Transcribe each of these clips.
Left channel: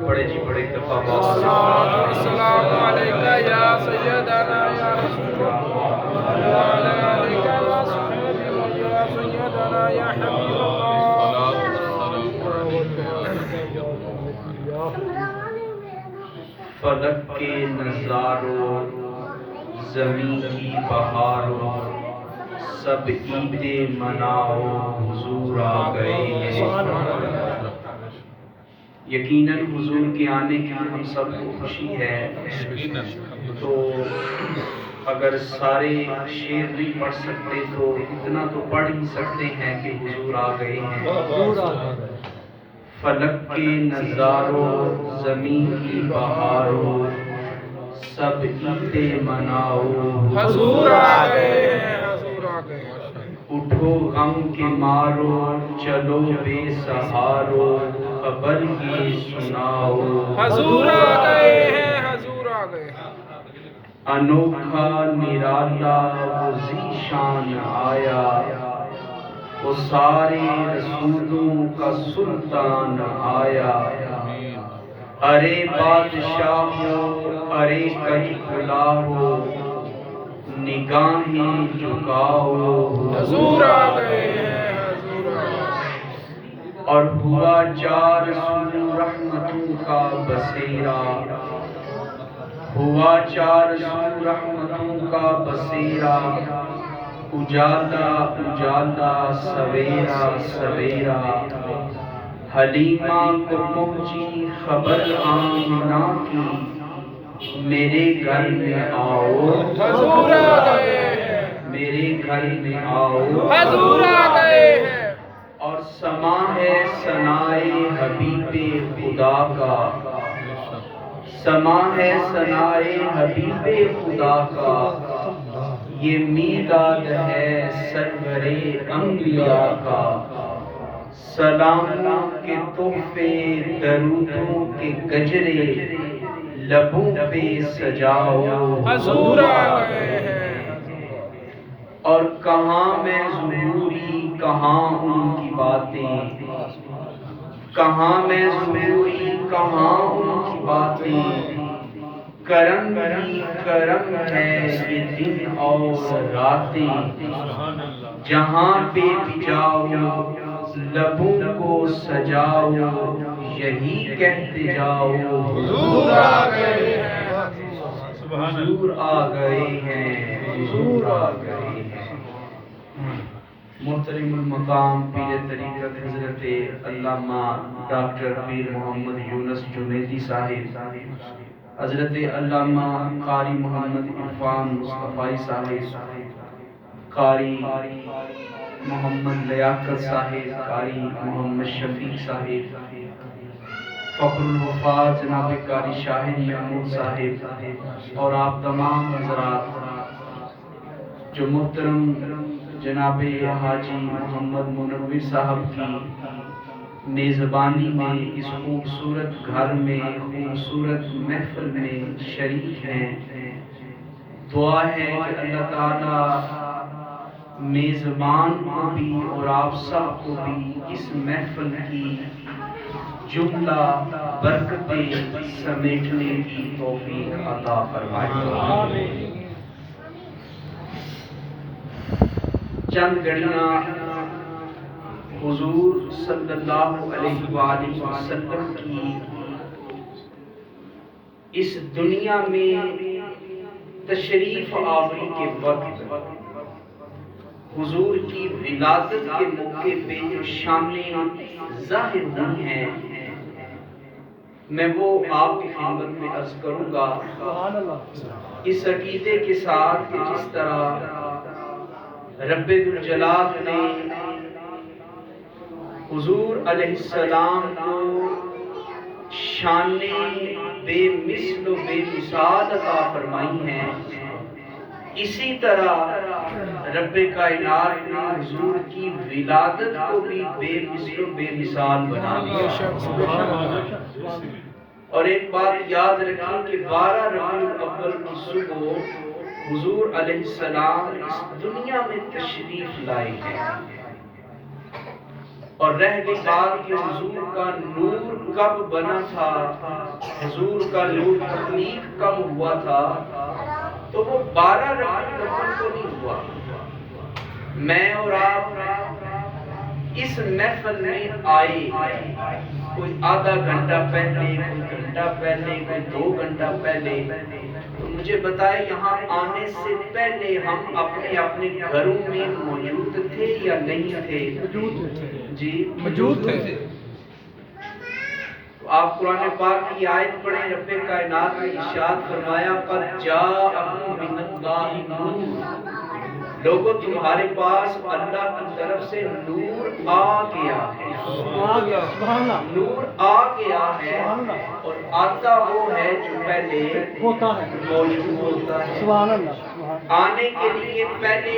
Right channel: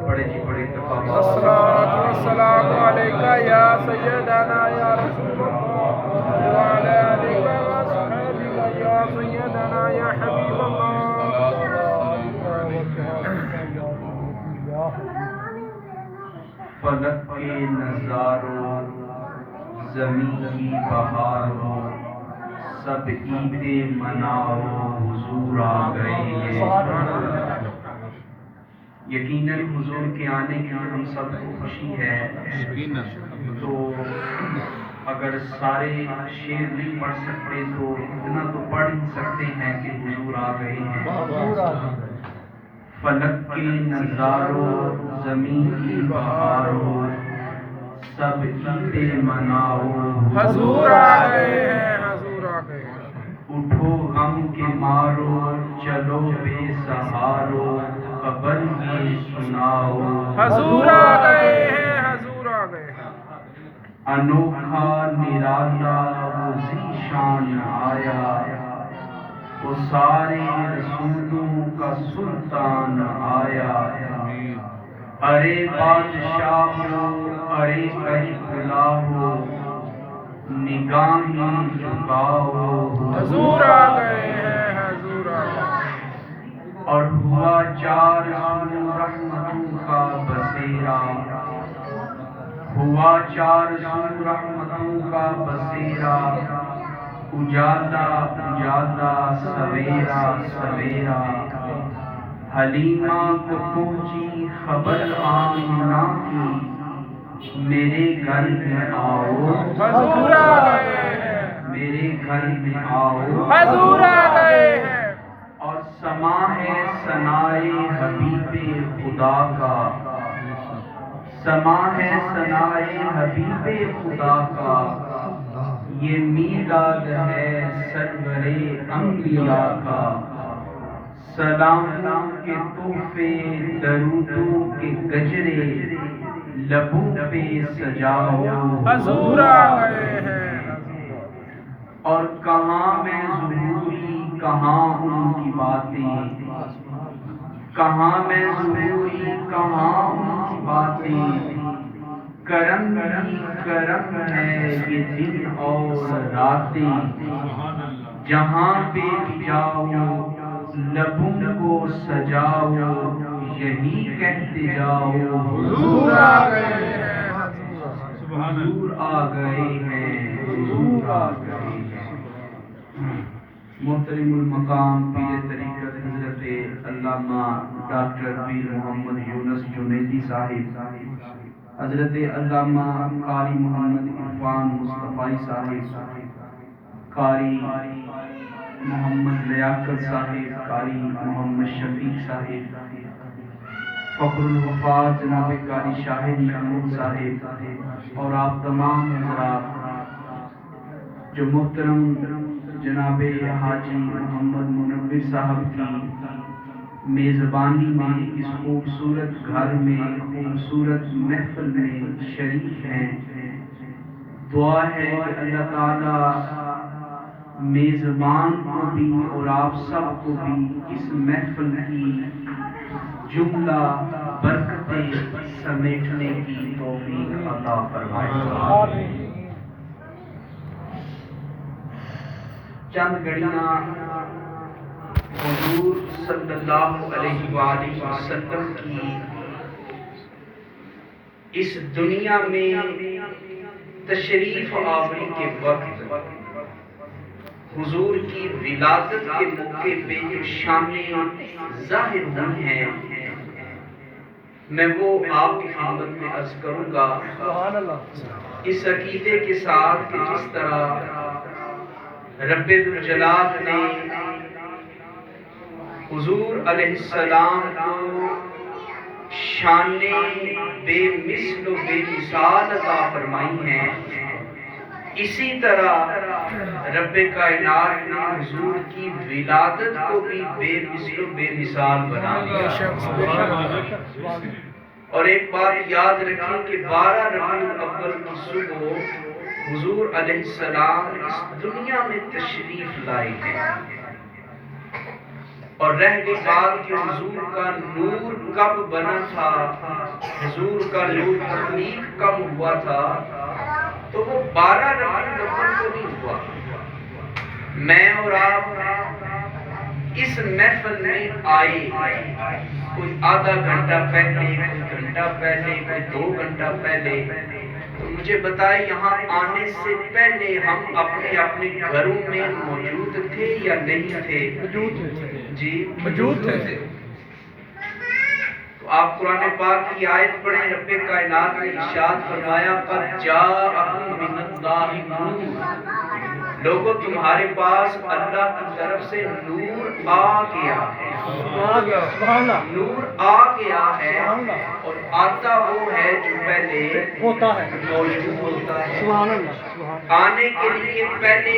بڑے جی بڑے الصلاۃ والسلام علیکہ یا سیدنا یا رسول اللہ وعلی آلک وصحبہ یا سیدنا یا حبیب اللہ. فلک کے نظاروں زمین کی بہاروں سب عیدیں مناؤ حضور آ گئے ہیں. یقیناً حضور کے آنے کی ہم سب کو خوشی ہے. تو اگر سارے شعر نہیں پڑھ سکتے تو اتنا تو پڑھ ہی سکتے ہیں کہ حضور آ گئے ہیں. فلک کے نظاروں زمین کی بہاروں سب عیدیں مناؤ حضور آ گئے ہیں، حضور آ گئے ہیں. اٹھو غم کے مارو چلو بے سہارو خبر یہ سناؤ حضور آ گئے ہیں، حضور آ گئے ہیں. انوکھا نرالا وہ ذیشان آیا وہ سارے رسولوں کا سلطان آیا. ارے بادشاہو ارے کئی بلاؤ نگاہیں جھکاؤ حضور آ گئے ہیں، حضور آ گئے ہیں. اور ہوا چار سو رحمتوں کا بسیرا ہوا چار سو رحمتوں کا بسیرا اجالا اجالا سویرا سویرا. حلیمہ کو پہنچی خبر آمنہ کی میرے گھر میں آؤ حضور آ گئے ہیں، میرے گھر میں آؤ. حضور آ گئے ہیں. اور سما ہے ثنائے حبیب خدا کا سما ہے ثنائے حبیب خدا کا یہ میلاد ہے سرور انبیاء کا. سلاموں کے تحفے درودوں کے گجرے لبوں پہ سجاؤ حضور آ گئے ہیں. اور کہاں میں ظہوری کہاں ان کی باتیں کہاں میں ظہوری کہاں ان کی باتیں. کرم ہی کرم ہے یہ دن اور راتیں. جہاں پہ بھی جاؤ لبوں کو سجاؤ یہی کہتے جاؤ حضور آ گئے ہیں، حضور آ گئے ہیں حضور آ گئے ہیں. محترم المقام پیر طریقت حضرت علامہ ڈاکٹر پیر محمد یونس جنیدی صاحب، حضرت علامہ قاری محمد عرفان مصطفی صاحب، قاری محمد لیاقت صاحب، قاری محمد شفیق صاحب، فخر الوفات جناب قاری شاہد محمود صاحب، اور آپ تمام حضرات جو محترم جناب حاجی محمد منور صاحب کی میزبانی میں اس خوبصورت گھر میں خوبصورت محفل میں شریک ہیں. دعا ہے کہ اللہ تعالی میزبان کو بھی اور آپ سب کو بھی اس محفل کی جملہ برکتیں سمیٹنے کی توفیق عطا فرمائے. چند گھڑیاں حضور صلی اللہ علیہ وآلہ وسلم کی اس دنیا میں تشریف آوری کے وقت حضور کی ولادت کے موقع پہ جو شانیں ظاہر ہوئی ہیں میں وہ آپ کی خدمت میں عرض کروں گا اس عقیدے کے ساتھ کہ جس طرح رب الجلال نے حضور علیہ السلام کو شان بے مثل و بے مثال عطا فرمائی ہیں، اسی طرح رب کائنات نے حضور کی ولادت کو بھی بے مثل و بے مثال بنا دیا. اور ایک بات یاد رکھیں کہ 12 ربیع الاول کی صبح حضور علیہ السلام اس دنیا میں تشریف لائے ہیں. اور رہ گئی بات کہ حضور کا نور کب بنا تھا، حضور کا نور تخلیق کب ہوا تھا، تو وہ 12 ربیع الاول کو نہیں ہوا۔ میں اور آپ اس محفل میں آئے کوئی آدھا گھنٹہ پہلے، کوئی گھنٹہ پہلے، کوئی 2 گھنٹہ پہلے، تو مجھے بتائے یہاں آنے سے پہلے ہم اپنے اپنے گھروں میں موجود تھے یا نہیں تھے؟ جی موجود تھے۔ تو آپ قرآن پاک کی آیت پڑھیں، رب کائنات نے ارشاد فرمایا قد جاءکم من اللہ نور، لوگوں تمہارے پاس اللہ کی طرف سے نور آ گیا ہے، نور آ گیا ہے، اور آتا وہ ہے جو پہلے ہوتا ہے، موجود ہوتا ہے۔ سبحان اللہ۔ آنے کے لیے پہلے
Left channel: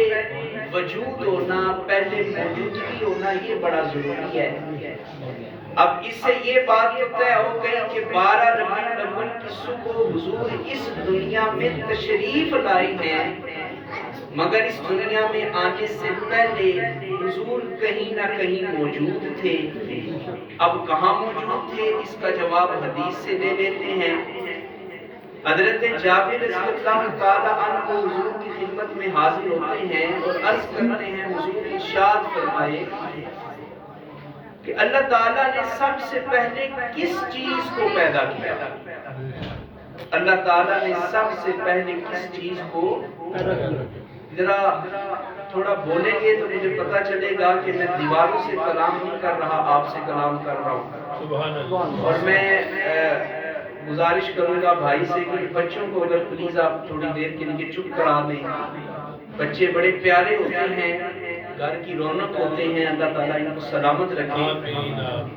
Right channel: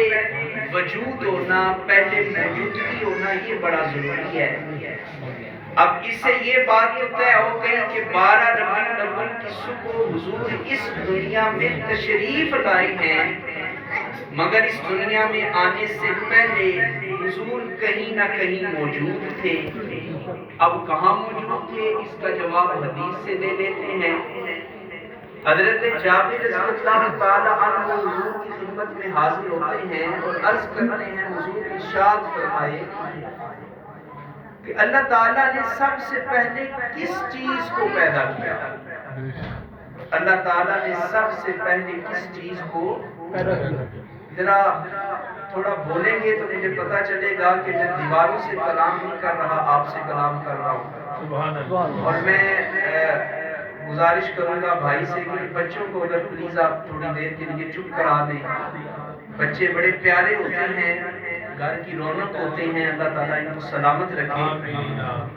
وجود ہونا، پہلے موجودگی ہونا، یہ بڑا ضروری ہے۔ اب اس سے یہ بات تو طے ہو گئی کہ 12 ربیع الاول کی صبح حضور اس دنیا میں تشریف لائی ہیں، مگر اس دنیا میں آنے سے پہلے حضور کہیں نہ کہیں موجود تھے۔ اب کہاں موجود تھے اس کا جواب حدیث سے لے لیتے ہیں۔ حضرت جابر رضی اللہ تعالیٰ عنہ حضور کی خدمت میں حاضر ہوتے ہیں اور عرض کرتے ہیں حضور ارشاد فرمائے کہ اللہ تعالیٰ نے سب سے پہلے کس چیز کو پیدا کیا؟ اللہ تعالیٰ نے سب سے پہلے کس چیز کو پیدا کیا؟ ذرا تھوڑا بولیں گے تو مجھے پتا چلے گا کہ میں دیواروں سے کلام نہیں کر رہا، آپ سے کلام کر رہا ہوں۔ اور میں گزارش کروں گا بھائی سے کہ بچوں کو اگر پلیز آپ تھوڑی دیر کے لیے چپ کرا دیں۔ بچے بڑے پیارے ہوتے ہیں، گھر کی رونق ہوتے ہیں، اللہ تعالیٰ ان کو سلامت رکھے،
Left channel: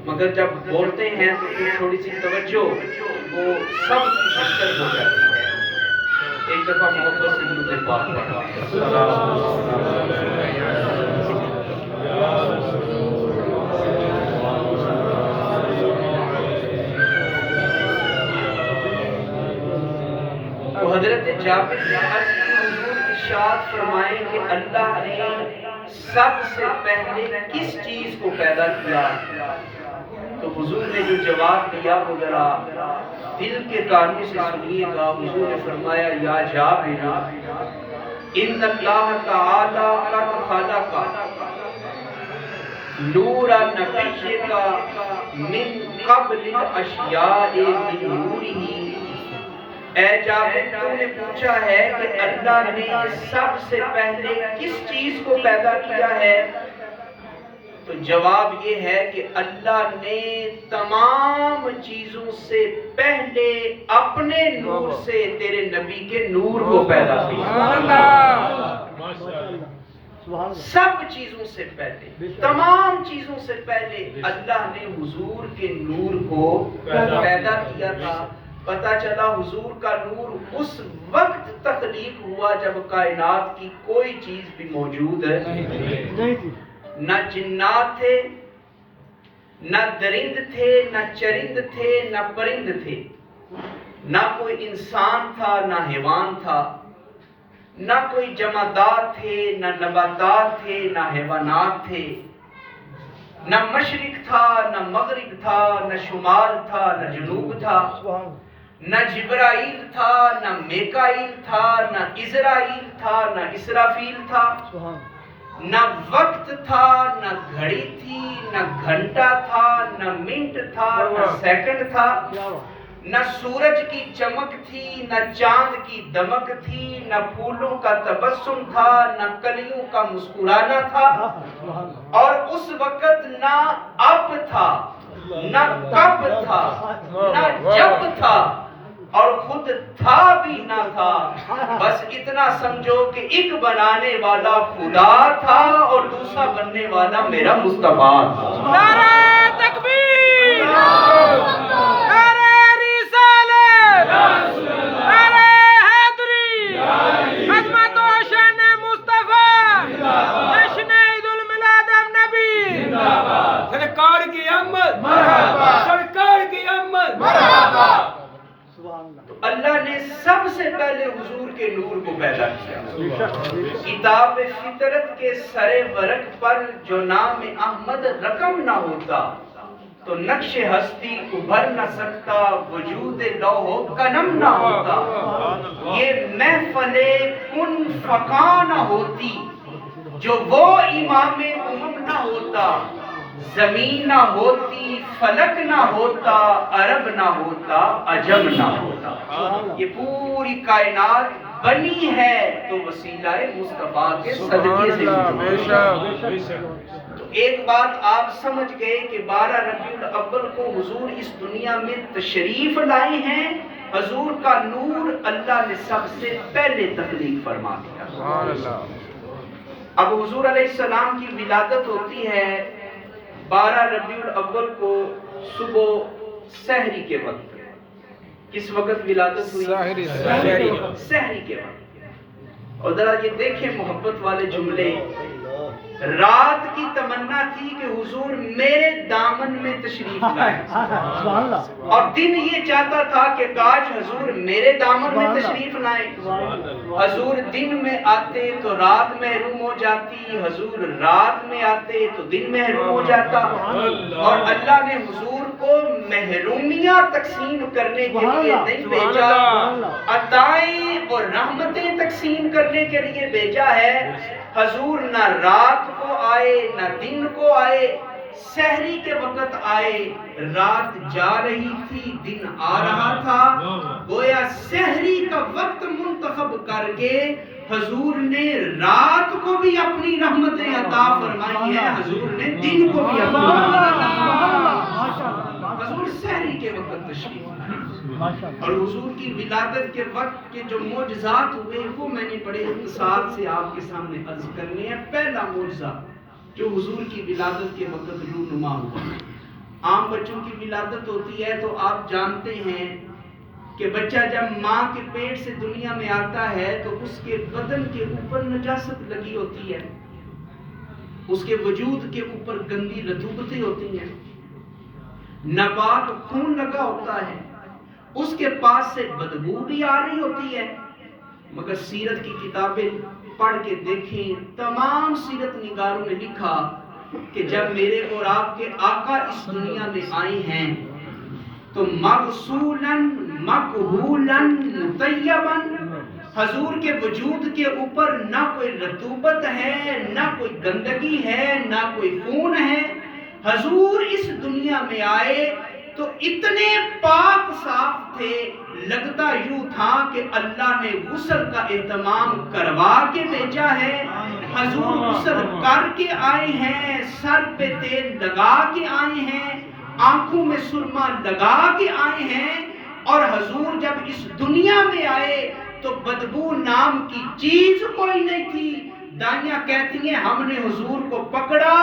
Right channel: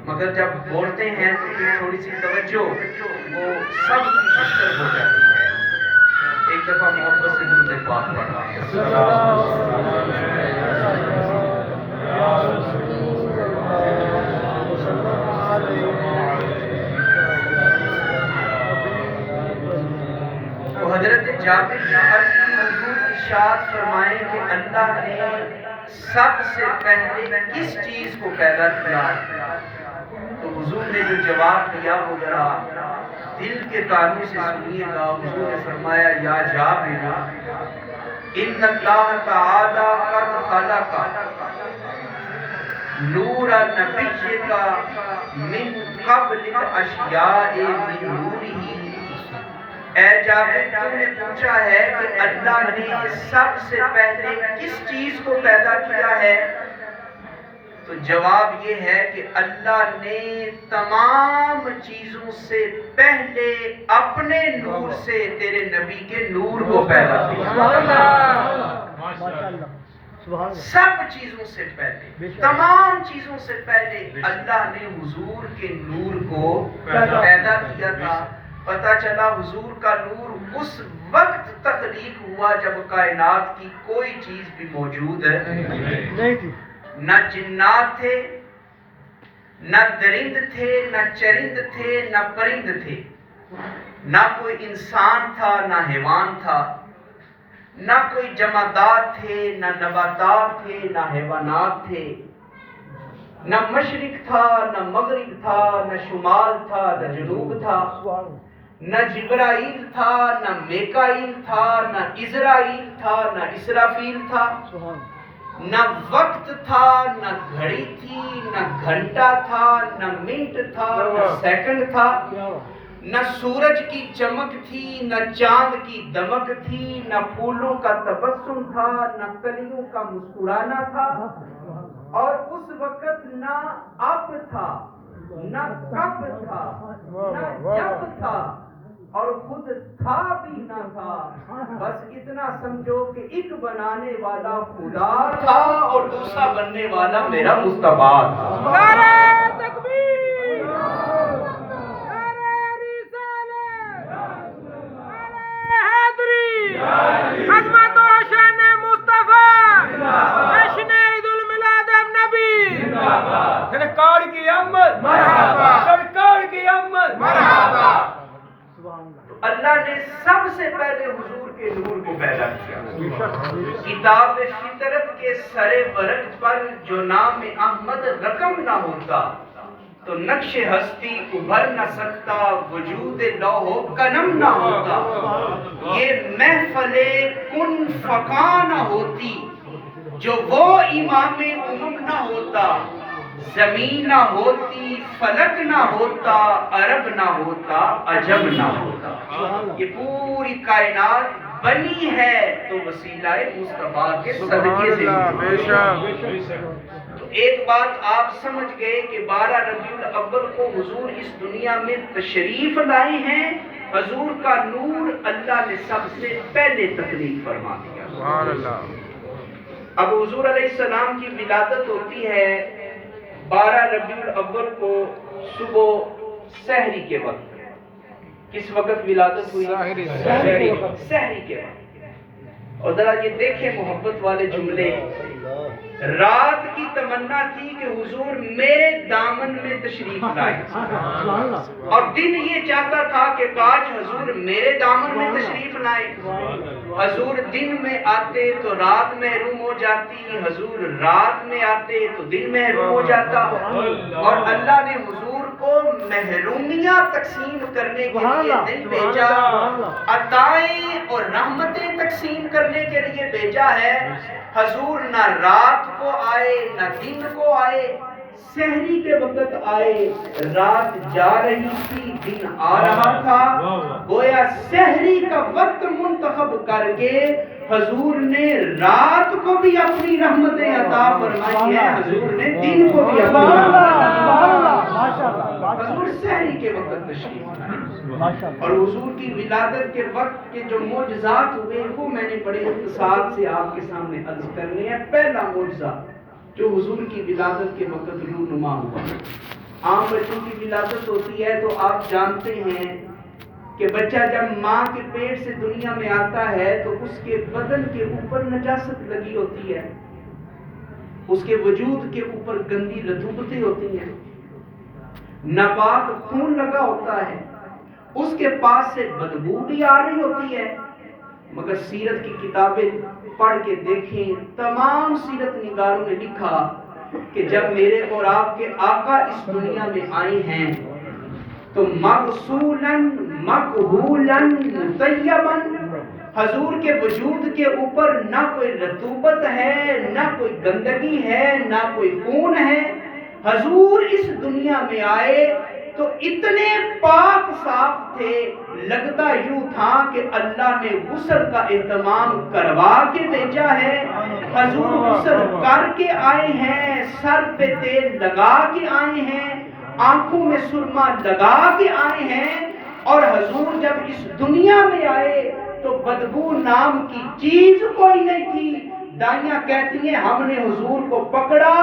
مگر جب بولتے ہیں تو پھر تھوڑی سی توجہ وہ سب کی شکر ہو جاتی ہے۔ ایک دفعہ محبت سے درود پاک تو حضرت جابر حضور ارشاد فرمائے کہ اللہ نے سب سے پہلے کس چیز کو پیدا کیا؟ تو حضور نے جو جواب دیا وہ ذرا دل کے کانوں سے سنیے گا۔ حضور نے فرمایا یا جابر ان اللہ تعالی قد خلق نور نبیک من قبل الاشیاء من نورہ۔ اے جابر تم نے پوچھا ہے کہ اللہ نے سب سے پہلے کس چیز کو پیدا کیا ہے؟ تو جواب یہ ہے کہ اللہ نے تمام چیزوں سے پہلے اپنے نور سے تیرے نبی کے نور کو پیدا کیا۔ سب چیزوں سے پہلے، تمام چیزوں سے پہلے اللہ نے حضور کے نور کو پیدا کیا تھا۔ پتہ چلا حضور کا نور اس وقت تخلیق ہوا جب کائنات کی کوئی چیز بھی موجود نہیں تھی، نہ جنات تھے، نہ درند تھے، نہ چرند تھے، نہ پرند تھے، نہ کوئی انسان تھا، نہ حیوان تھا، نہ کوئی جمادات تھے، نہ نباتات تھے، نہ حیوانات تھے، نہ مشرق تھا، نہ مغرب تھا، نہ شمال تھا، نہ جنوب تھا، نہ جبرائیل تھا، نہ میکائیل تھا، نہ عزرائیل تھا، نہ اسرافیل تھا، نہ وقت تھا، نہ گھڑی تھی، نہ گھنٹہ تھا، نہ منٹ تھا، نہ سیکنڈ تھا، نہ سورج کی چمک تھی، نہ چاند کی دمک تھی، نہ پھولوں کا تبسم تھا، نہ کلیوں کا مسکرانا تھا، اور اس وقت نہ اب تھا، نہ کب تھا، نہ جب تھا، اور خود تھا بھی نہ تھا، بس اتنا سمجھو کہ ایک بنانے والا خدا تھا اور دوسرا بننے والا میرا مصطفیٰ تھا۔ نعرہ تکبیر، نعرہ رسالت، نعرہ حیدری، عظمت و شان مصطفیٰ، جشن عید الميلاد النبی، سرکار کی آمد مرحبا، سرکار کی آمد مرحبا۔ سبحان تو اللہ نے سب سے پہلے حضور کے نور کو پیدا کیا. کتاب فطرت کے سر ورق پر جو نام احمد رقم نہ ہوتا تو نقش ہستی ابھر نہ سکتا، وجود لوح و قلم نہ ہوتا، یہ محفل کن فقا نہ ہوتی، جو وہ امام امم نہ ہوتا، زمین نہ ہوتی، فلک نہ ہوتا، عرب نہ ہوتا، عجم نہ ہوتا. یہ پوری کائنات بنی ہے تو وسیلہ مصطفیٰ کے صدقے سے. تو ایک بات آپ سمجھ گئے کہ 12 ربیع الاول کو حضور اس دنیا میں تشریف لائے ہیں. حضور کا نور اللہ نے سب سے پہلے تخلیق فرما دیا. سبحان اللہ. اب حضور علیہ السلام کی ولادت ہوتی ہے 12 ربیع الاول کو صبح سحری کے وقت. کس وقت ولادت ہوئی؟ سحری کے وقت. اور ذرا یہ دیکھیں محبت والے جملے. رات کی تمنا تھی کہ حضور میرے دامن میں تشریف لائے، اور دن یہ چاہتا تھا کہ کاش حضور میرے دامن میں تشریف لائے. حضور دن میں آتے تو رات محروم ہو جاتی، حضور رات میں آتے تو دن محروم ہو جاتا. اور اللہ نے حضور کو محرومیاں تقسیم کرنے کے لیے نہیں بھیجا، عطائیں اور رحمتیں تقسیم کرنے کے لیے بھیجا ہے. حضور نہ رات کو آئے نہ دن کو آئے، سحری کے وقت آئے. رات جا رہی تھی، دن آ رہا تھا. گویا سحری کا وقت منتخب کر کے حضور نے رات کو بھی اپنی رحمتیں عطا فرمائی ہیں، حضور نے دن کو بھی اپنی حضور سحری کے وقت تشریف لائے. اور حضور کی ولادت کے وقت کے جو معجزات ہوئے وہ میں نے بڑے اختصار سے آپ کے سامنے عرض کرنے ہیں. پہلا معجزہ جو حضور کی ولادت کے وقت رونما ہوا. عام بچوں کی ولادت ہوتی ہے تو آپ جانتے ہیں کہ بچہ جب ماں کے پیٹ سے دنیا میں آتا ہے تو اس کے بدن کے اوپر نجاست لگی ہوتی ہے، اس کے وجود کے اوپر گندی رطوبتیں ہوتی ہیں، ناپاک خون لگا ہوتا ہے، اس کے پاس سے بدبو بھی آ رہی ہوتی ہے. مگر سیرت کی کتابیں پڑھ کے دیکھیں، تمام سیرت نگاروں نے لکھا کہ جب میرے اور آپ کے آقا اس دنیا میں آئے ہیں تو مغسولاً مکحولاً مطیباً، حضور کے وجود کے اوپر نہ کوئی رطوبت ہے، نہ کوئی گندگی ہے، نہ کوئی خون ہے. حضور اس دنیا میں آئے تو اتنے پاک صاف تھے، لگتا یوں تھا کہ اللہ نے غسل کا اہتمام کروا کے بھیجا ہے. حضور غسل کر کے آئے ہیں، سر پہ تیل لگا کے آئے ہیں، آنکھوں میں سرما لگا کے آئے ہیں. اور حضور جب اس دنیا میں آئے تو بدبو نام کی چیز کوئی نہیں تھی. دائیاں کہتی ہیں ہم نے حضور کو پکڑا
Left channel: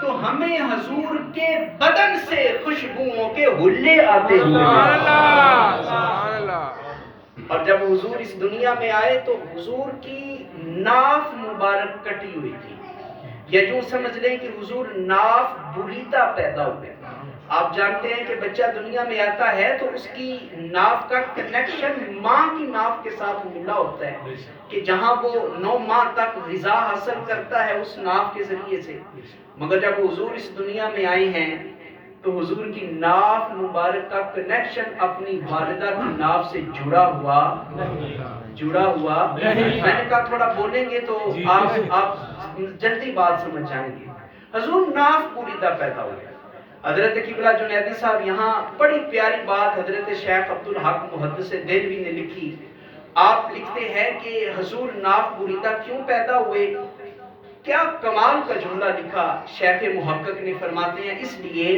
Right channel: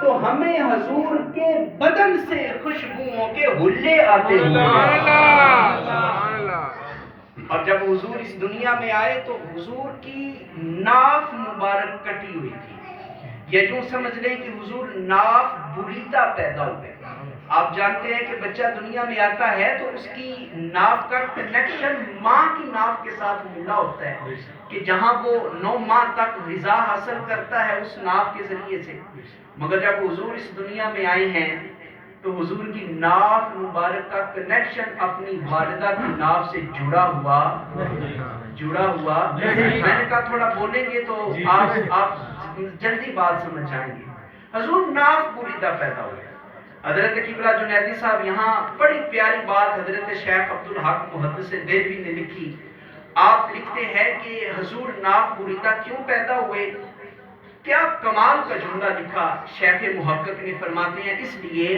تو ہمیں حضور کے بدن سے خوشبوؤں کے حلے آتے ہوئے. اور جب حضور اس دنیا میں آئے تو حضور کی ناف مبارک کٹی ہوئی تھی. یہ جو سمجھ لیں کہ حضور ناف بریتا پیدا ہوئے. آپ جانتے ہیں کہ بچہ دنیا میں آتا ہے تو اس کی ناف کا کنیکشن ماں کی ناف کے ساتھ ملا ہوتا ہے کہ جہاں وہ 9 ماہ تک غذا حاصل کرتا ہے اس ناف کے ذریعے سے. مگر جب حضور اس دنیا میں آئے ہیں تو حضور کی ناف مبارک کا کنیکشن اپنی والدہ کی ناف سے جڑا ہوا. میں نے کہا تھوڑا بولیں گے تو آپ جلدی بات سمجھ جائیں گے. حضور ناف بریدہ پیدا ہوئے. حضرت قبلہ جنیدی صاحب یہاں بڑی پیاری بات حضرت شیخ عبدالحق محدث دہلوی نے لکھی. آپ لکھتے ہیں کہ حضور ناف بریدہ کیوں پیدا ہوئے. کیا کمال کا جملہ لکھا شیخ محقق نے. فرماتے ہیں اس لیے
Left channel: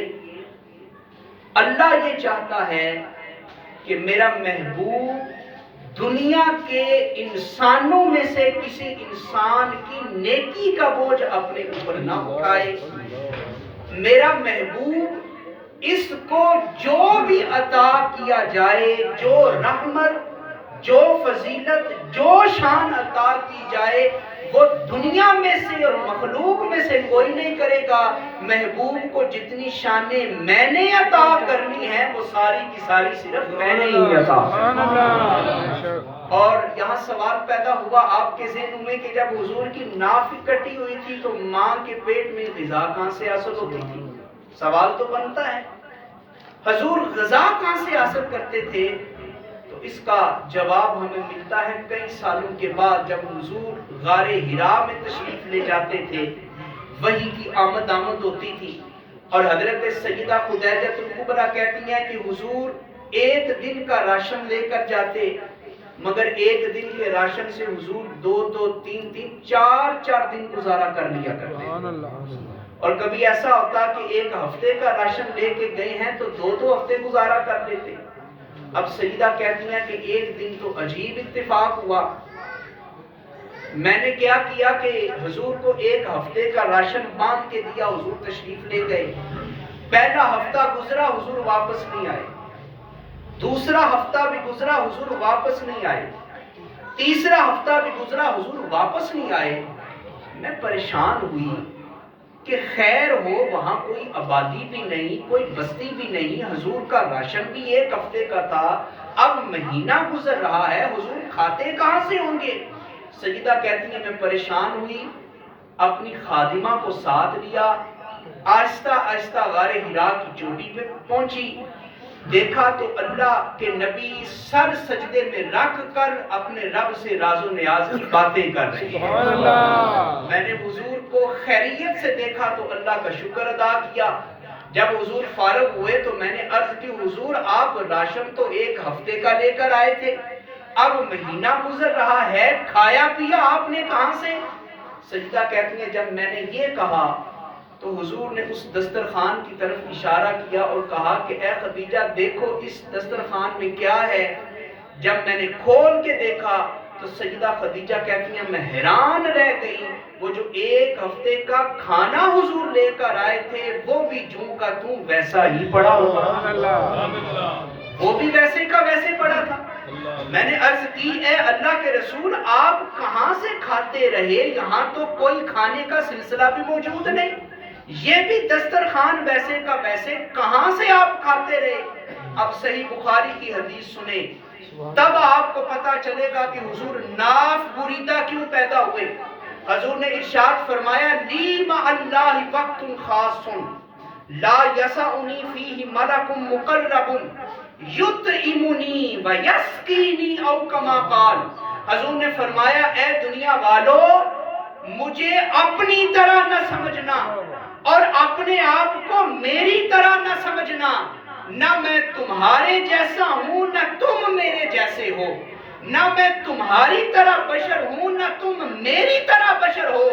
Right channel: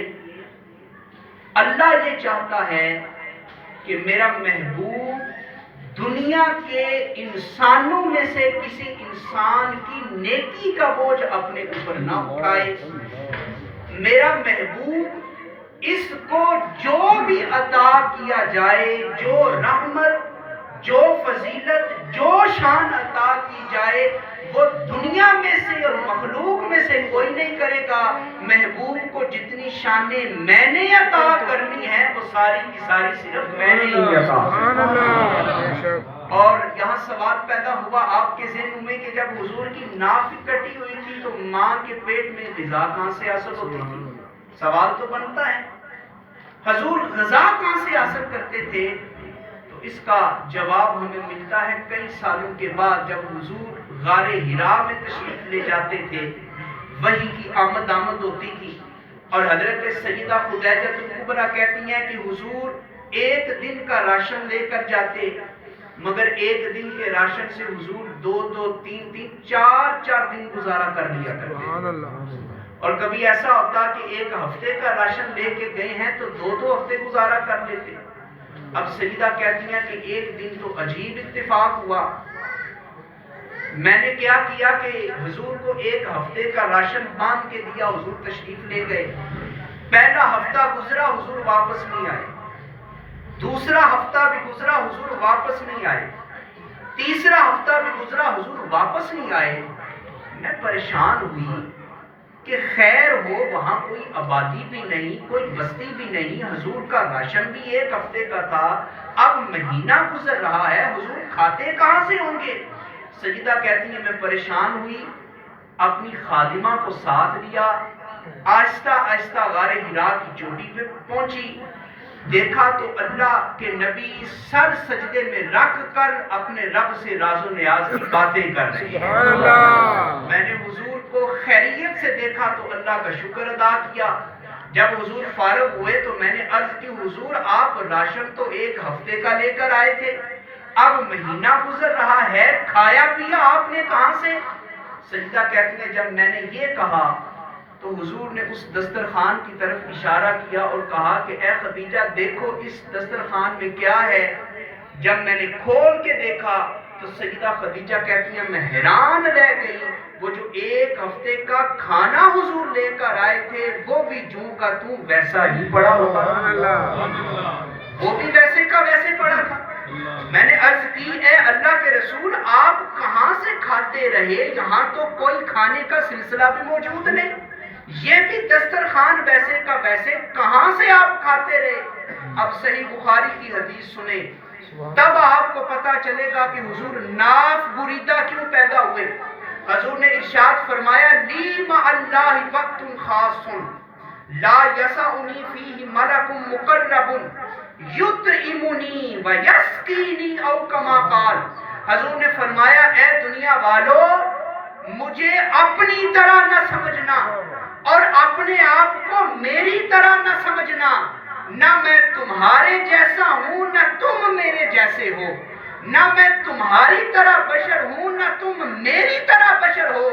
اللہ یہ چاہتا ہے کہ میرا محبوب دنیا کے انسانوں میں سے کسی انسان کی نیکی کا بوجھ اپنے اوپر نہ اٹھائے. میرا محبوب اس کو جو بھی عطا کیا جائے، جو رحمت جو فضیلت جو شان عطا کی جائے وہ دنیا میں سے اور مخلوق میں سے کوئی نہیں کرے گا۔ محبوب کو جتنی شانیں میں نے عطا کرنی ہے وہ ساری کی ساری صرف میں نے ہی عطا سبحان اللہ۔ اور یہاں سوال پیدا ہوا آپ کے ذہن میں کہ جب حضور کی ناف کٹی ہوئی تھی تو ماں کے پیٹ میں غذا کہاں سے حاصل ہوتی تھی؟ سوال تو بنتا ہے حضور غذا کہاں سے حاصل کرتے تھے؟ تو اس کا جواب ہمیں ملتا ہے کئی سالوں کے بعد جب حضور غار حرا میں تشریف لے جاتے تھے، وحی کی آمد ہوتی تھی اور حضرت سیدہ خدیجہ الکبریٰ کہتی ہیں کہ حضور ایک دن کا راشن لے کر جاتے، مگر ایک دن کے راشن سے حضور دو تین چار دن گزارا کر لیا کرتے۔ سبحان اللہ۔ اور کبھی ایسا ہوتا کہ ایک ہفتے کا راشن لے کے گئے ہیں تو دو ہفتے گزارا کر لیتے۔ اب سیدہ کہتی ہیں کہ ایک دن تو عجیب اتفاق ہوا، میں نے کیا کیا کہ حضور کو ایک ہفتے کا راشن باندھ کے دیا، حضور تشریف لے گئے، پہلا ہفتہ گزرا حضور واپس نہیں آئے، دوسرا ہفتہ بھی گزرا حضور واپس نہیں آئے، تیسرا ہفتہ بھی گزرا حضور واپس نہیں آئے۔ میں پریشان ہوئی کہ خیر ہو وہاں کوئی آبادی بھی نہیں، کوئی بستی بھی نہیں، حضور کا راشن بھی ایک ہفتے کا تھا، اب مہینہ گزر رہا ہے، حضور کھاتے کہاں سے ہوں گے؟ سیدہ کہتی ہیں میں پریشان ہوئی، اپنی خادمہ کو ساتھ لیا، آہستہ آہستہ غار حرا کی چوٹی پہ پہنچی، دیکھا تو اللہ کے نبی سر سجدے میں رکھ کر اپنے رب سے راز و نیاز کی باتیں کر رہے ہیں۔ سبحان اللہ۔ میں نے حضور کو خیریت سے دیکھا تو اللہ کا شکر ادا کیا۔ جب حضور فارغ ہوئے تو میں نے عرض کی حضور آپ راشن تو ایک ہفتے کا لے کر آئے تھے، اب مہینہ گزر رہا ہے، کھایا پیا آپ نے کہاں سے؟ سجدہ کہتے ہیں جب میں نے یہ کہا تو حضور نے اس دسترخوان کی طرف اشارہ کیا اور کہا کہ اے خدیجہ دیکھو اس دسترخوان میں کیا ہے۔ جب میں نے کھول کے دیکھا تو سیدہ خدیجہ کہتی ہیں میں حیران رہ گئی، وہ جو ایک ہفتے کا کھانا حضور لے کر آئے تھے وہ بھی جوں کا توں ویسا ہی پڑا ہوگا، وہ بھی ویسے کا ویسے پڑا تھا۔ میں نے عرض کی اے اللہ کے رسول آپ کہاں سے کھاتے رہے؟ یہاں تو کوئی کھانے کا سلسلہ بھی موجود نہیں، یہ بھی دسترخوان ویسے کا ویسے، کہاں سے آپ کھاتے رہے؟ اب صحیح بخاری کی حدیث سنیں تب آپ کو پتا چلے گا کہ حضور ناف بریدہ کیوں پیدا ہوئے۔ حضور نے ارشاد فرمایا لی مع اللہ وقت خاص لا یسعنی فیہ ملک مقرب یطعمنی و یسقینی او کما قال۔ حضور نے فرمایا اے دنیا والو مجھے اپنی طرح نہ سمجھنا اور اپنے آپ کو میری طرح نہ سمجھنا، نہ میں تمہارے جیسا ہوں نہ تم میرے جیسے ہو، نہ میں تمہاری طرح بشر ہوں نہ تم میری طرح بشر ہو۔